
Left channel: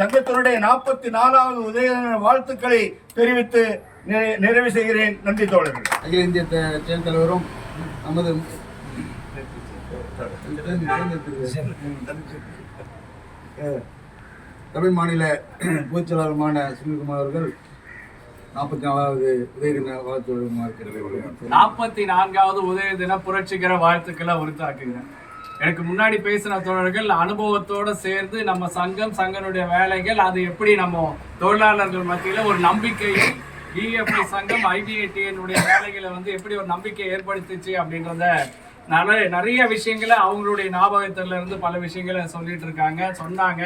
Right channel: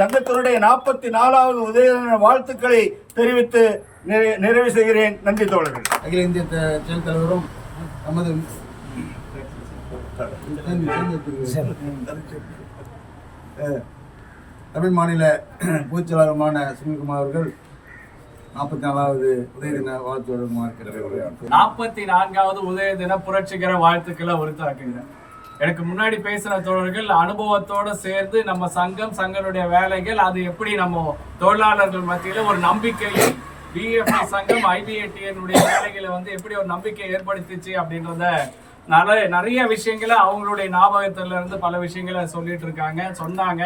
44வது உதய வாழ்த்துக்களை தெரிவித்து நிறைவு செய்கிறேன். நன்றி தோழர்கள். அகில இந்திய செயல் தலைவரும் நமது தமிழ் மாநில பொதுச்செயலாளருமான சுனில்குமார் அவர்கள் 44வது உதய தின வாழ்த்து வழங்குமாறு 44வது உதய தின புரட்சிகர வாழ்த்துக்களை உரித்தாக்குகிறேன். எனக்கு முன்னாடி பேசின தோழர்கள் அனுபவத்தோடு சேர்ந்து நம்ம சங்கனுடைய வேலைகள் அது எப்படி நம்ம தொழிலாளர்கள் மத்தியில் ஒரு நம்பிக்கை டிஎஃப்டி சங்கம் ஐபிஏடிஎனுடைய வேலைகளை வந்து எப்படி ஒரு நம்பிக்கை ஏற்படுத்திச்சு அப்படின்றத நிறைய விஷயங்களை அவங்களுடைய ஞாபகத்துல இருந்து பல விஷயங்களை சொல்லிட்டு இருக்காங்க, சொன்னாங்க.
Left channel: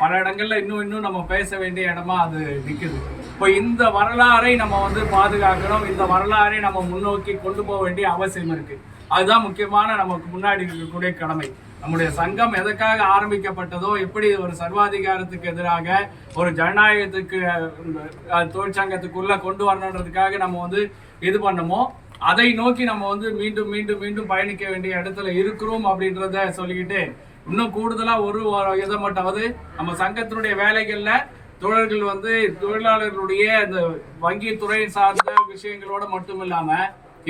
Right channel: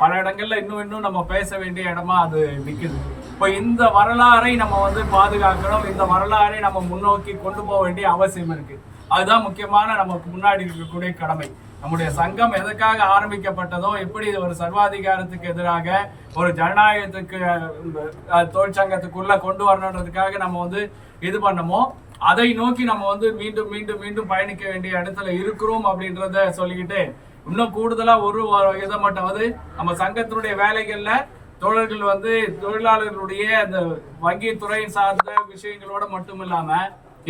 பல இடங்கள்ல இன்னும் நம்ம பேச வேண்டிய இடமா அது நிக்குது. இப்போ இந்த வரலாறை நம்ம வந்து பாதுகாக்கணும், இந்த வரலாறை நம்ம முன்னோக்கி கொண்டு போக வேண்டிய அவசியம் இருக்கு. அதுதான் முக்கியமான நமக்கு முன்னாடி இருக்கக்கூடிய கடமை. நம்முடைய சங்கம் எதற்காக ஆரம்பிக்கப்பட்டதோ, எப்படி ஒரு சர்வாதிகாரத்துக்கு எதிராக ஒரு ஜனநாயகத்துக்கு தொழிற்சங்கத்துக்குள்ள கொண்டு வரணுன்றதுக்காக நம்ம வந்து இது பண்ணமோ, அதை நோக்கி நம்ம வந்து மீண்டும் மீண்டும் மீண்டும் பயணிக்க வேண்டிய இடத்துல இருக்கிறோம் அப்படின்றத சொல்லிக்கிட்டு, இன்னும் கூடுதலா ஒரு இதை மட்டும் நம்ம சங்கத்தினுடைய வேலைகள்ல தொழில்கள் வந்து தொழிலாளர்களுடைய இந்த வங்கி துறை சார்ந்த விஷயங்களோட மட்டும் இல்லாம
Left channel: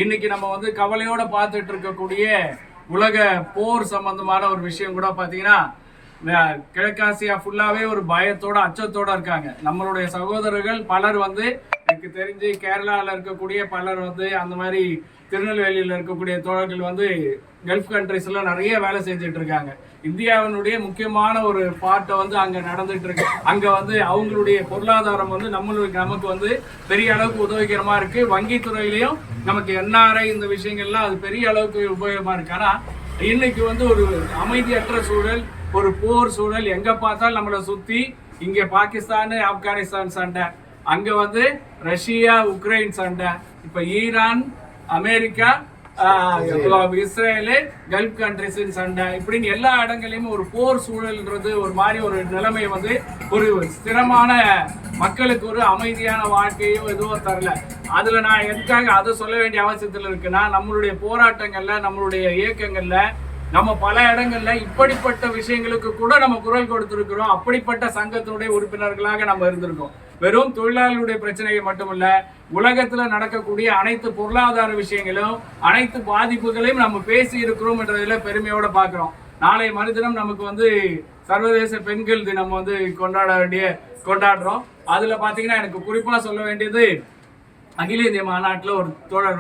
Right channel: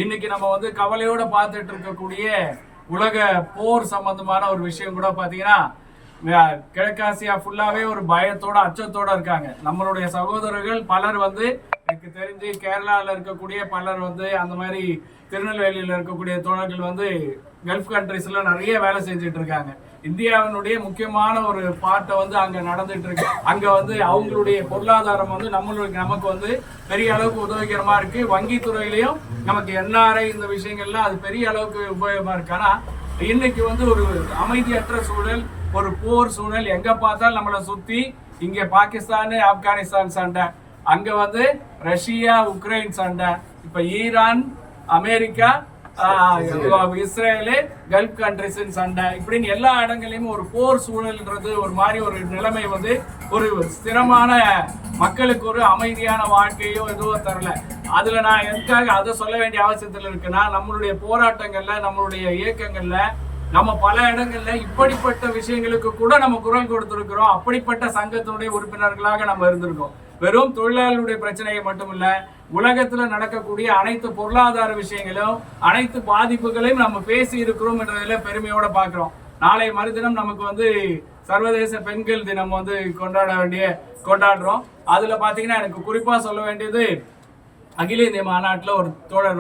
இன்னைக்கு நம்ம வந்து கவலையோட பார்த்துட்டு இருக்கக்கூடிய உலக போர் சம்பந்தமான ஒரு விஷயம் கூட பாத்தீங்கன்னா, கிழக்காசியா ஃபுல்லாவே ஒரு பயத்தோட அச்சத்தோட இருக்காங்க. நம்மளுடைய சகோதரர்கள் பலர் வந்து எனக்கு தெரிஞ்சு கேரளாவில் இருக்கக்கூடிய பலர் வந்து அந்த மாதிரி திருநெல்வேலியில் இருக்கக்கூடிய தோழர்கள் வந்து கல்ஃப் கண்ட்ரிஸ்ல நிறைய வேலை செஞ்சுட்டு இருக்காங்க. இந்தியாவினுடைய முக்கியமான ஒரு பார்ட்டை வந்து அங்க நடந்துட்டு இருக்கு. அங்க வந்து அவங்களுடைய பொருளாதாரம் வந்து நமக்கு வந்து பெரிய அளவுக்கு உதவிகரமா இருக்கு. வங்கி துறையிலையும் நமக்கு என்ஆர்ஐ இந்த விஷயங்கள்லாம் அது பெரிய அளவுக்கு உபயோகமா இருக்கு. ஆனா இன்னைக்கு வந்து ஒரு அமைதியற்ற சூழல், ஒரு போர் சூழல், எங்க பார்த்தாலும் நம்மளை சுத்தி இங்க பாகிஸ்தான் ஆப்கானிஸ்தான் சண்டை, அங்க வந்து ரஷ்யா உக்ரைன் சண்டை, இப்ப Iran America Israel gulf countries சண்டை, இப்படின்னு எல்லா இடங்களையும் ஒரு போர் சூழல்ன்றது ஒரு மாதிரி ஒரு நிலைமை வந்து ஒரு ஸ்திரமான மக்களுக்கு ஒரு அமைதியான வாழ்க்கையோ எதுவோ தரல. அதுல நான் எதுக்காக அதை சொல்ல வேண்டிய அவசியத்தில் இருக்குன்னா, நம்மளுடைய போராட்டங்கள்ல நம்மளுடைய இயக்கங்கள்ல நம்ம பல இடங்கள்ல இப்படிப்பட்ட விஷயங்களுக்கு கூட நம்ம குரல் கொடுத்திருக்கிறோம். அப்படிப்பட்ட சங்கத்தினுடைய உறுப்பினர்களாக நம்ம இருந்திருக்கோம். வெறும் தொழிலாளர்களுடைய பிரச்சனையை மட்டுமில்ல, உலகத்துல நடக்கக்கூடிய அனைத்து பொருளாதார விஷயங்களும் அனைத்து பாதிப்புகளையும் நம்ம பேசி இருக்கிறோம் என்றதுல பெருமையோட பாக்குறோம். நாளை மறுதினம் நமக்கு வந்து சர்வதேச பெண்கள் தினம் வந்து கொண்டாடுறோம். அதுல பாத்தீங்கன்னா எனக்கு குறிப்பா சொல்ல வேண்டியது, அகில இந்திய மாநாட்டுல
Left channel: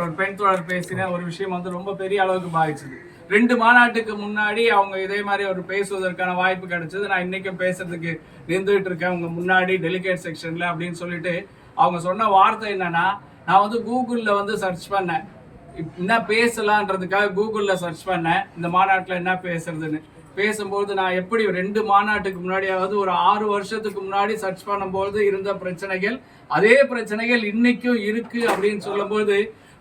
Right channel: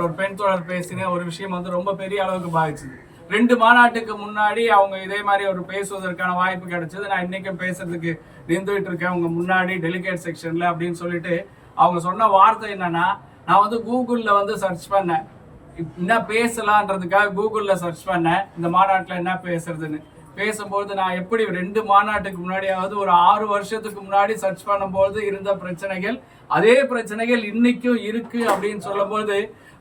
ஒரு பெண் தோழர் பேசின ஒரு விஷயம் வந்து ரொம்ப பெரிய அளவுக்கு பாதிச்சுது. 2 மாநாட்டுக்கு முன்னாடி அவங்க இதே மாதிரி ஒரு பேசுவதற்கான வாய்ப்பு கிடைச்சது. நான் இன்னைக்கும் பேசுறதுக்கு நின்றுட்டு இருக்கேன் உங்க முன்னாடி டெலிகேட் செக்ஷன்ல அப்படின்னு சொல்லிட்டு அவங்க சொன்ன வார்த்தை என்னன்னா, நான் வந்து கூகுள்ல வந்து சர்ச் பண்ணேன், என்ன பேசலான்றதுக்காக கூகுள்ல சர்ச் பண்ணேன் இந்த மாநாட்டில் என்ன பேசுறதுன்னு. பேசும்போது நான் எப்படி 2 மாநாட்டுக்கு முன்னாடியாவது ஒரு 6 வருஷத்துக்கு முன்னாடி சர்ச் பண்ணும்போது இருந்த பிரச்சனைகள், அதே பிரச்சனைகள் இன்னைக்கும் இருக்கு அப்படின்னு சொல்லும்போது,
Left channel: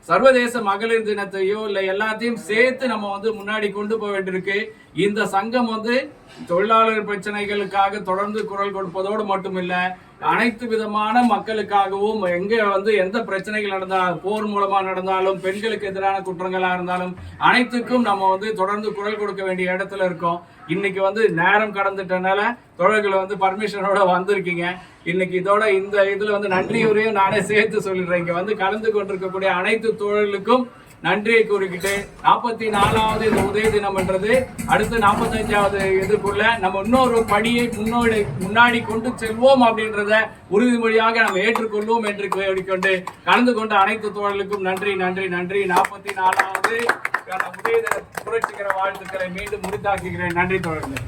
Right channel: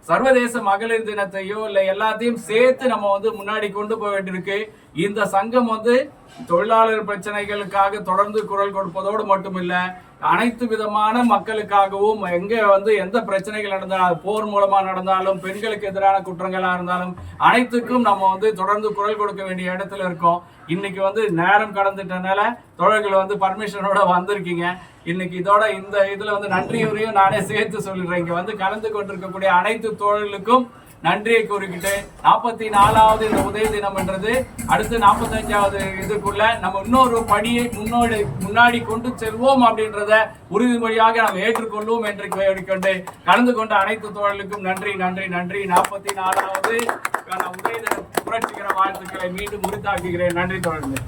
சர்வதேச மகளிர் தினத்தையோ இல்லை எல்லாத்தையும் சேர்த்து நம்ம வந்து முன்னாடி கொண்டு போக வேண்டியிருக்கு. இந்த சங்கம் வந்து தொழிலாளர் பிரச்சனைகளுக்காக தொடர்ந்து குரல் கொடுப்பதோடு மட்டுமில்லை, அனைத்து விதமான மக்களுக்காகவும் எங்க வந்து எந்த பிரச்சனைகள் நடந்தாலும், போர் மூலமா நடந்தாலும், பெண்களுக்கு எதிரான குற்றங்களா இருந்தாலும் அனைத்துக்கும் நம்ம வந்து தொடர்ந்து குரல் கொடுக்க வேண்டிய இடத்துல இருக்கோம். இன்னைக்கு வந்து நேரம் கடந்துட்டனால தோழர்கள் வந்து பர்மிஷனோட வந்திருக்கீங்க. இன்னைக்கு இதோட இந்த இதுல வந்து நன்றியுரையும் நானே சேர்த்து சொல்லிடுறேன். இங்க வந்து கலந்து கொண்டிருக்கக்கூடிய அனைத்து தோழர்களுக்கும் நன்றியை கூறிக்கிட்டு 44வது இந்த உதய தினம் என்றது அடுத்து 45வது இதுக்குள்ள நம்ம இன்னொரு படியை முன்னாடி கொண்டு செல்வோம் அப்படின்றத உறுதிமொழியாக நாம் ஏற்றுக்கொள்வோம் என்று கொண்டு கலந்து கொண்ட அனைத்து தோழர்களுக்கும் நன்றி நன்றி நன்றி. 44வது உதய தின புரட்சிகர வாழ்த்துக்களை மீண்டும் உறுத்தாக்குகிறேன். நன்றி தோழர்களே.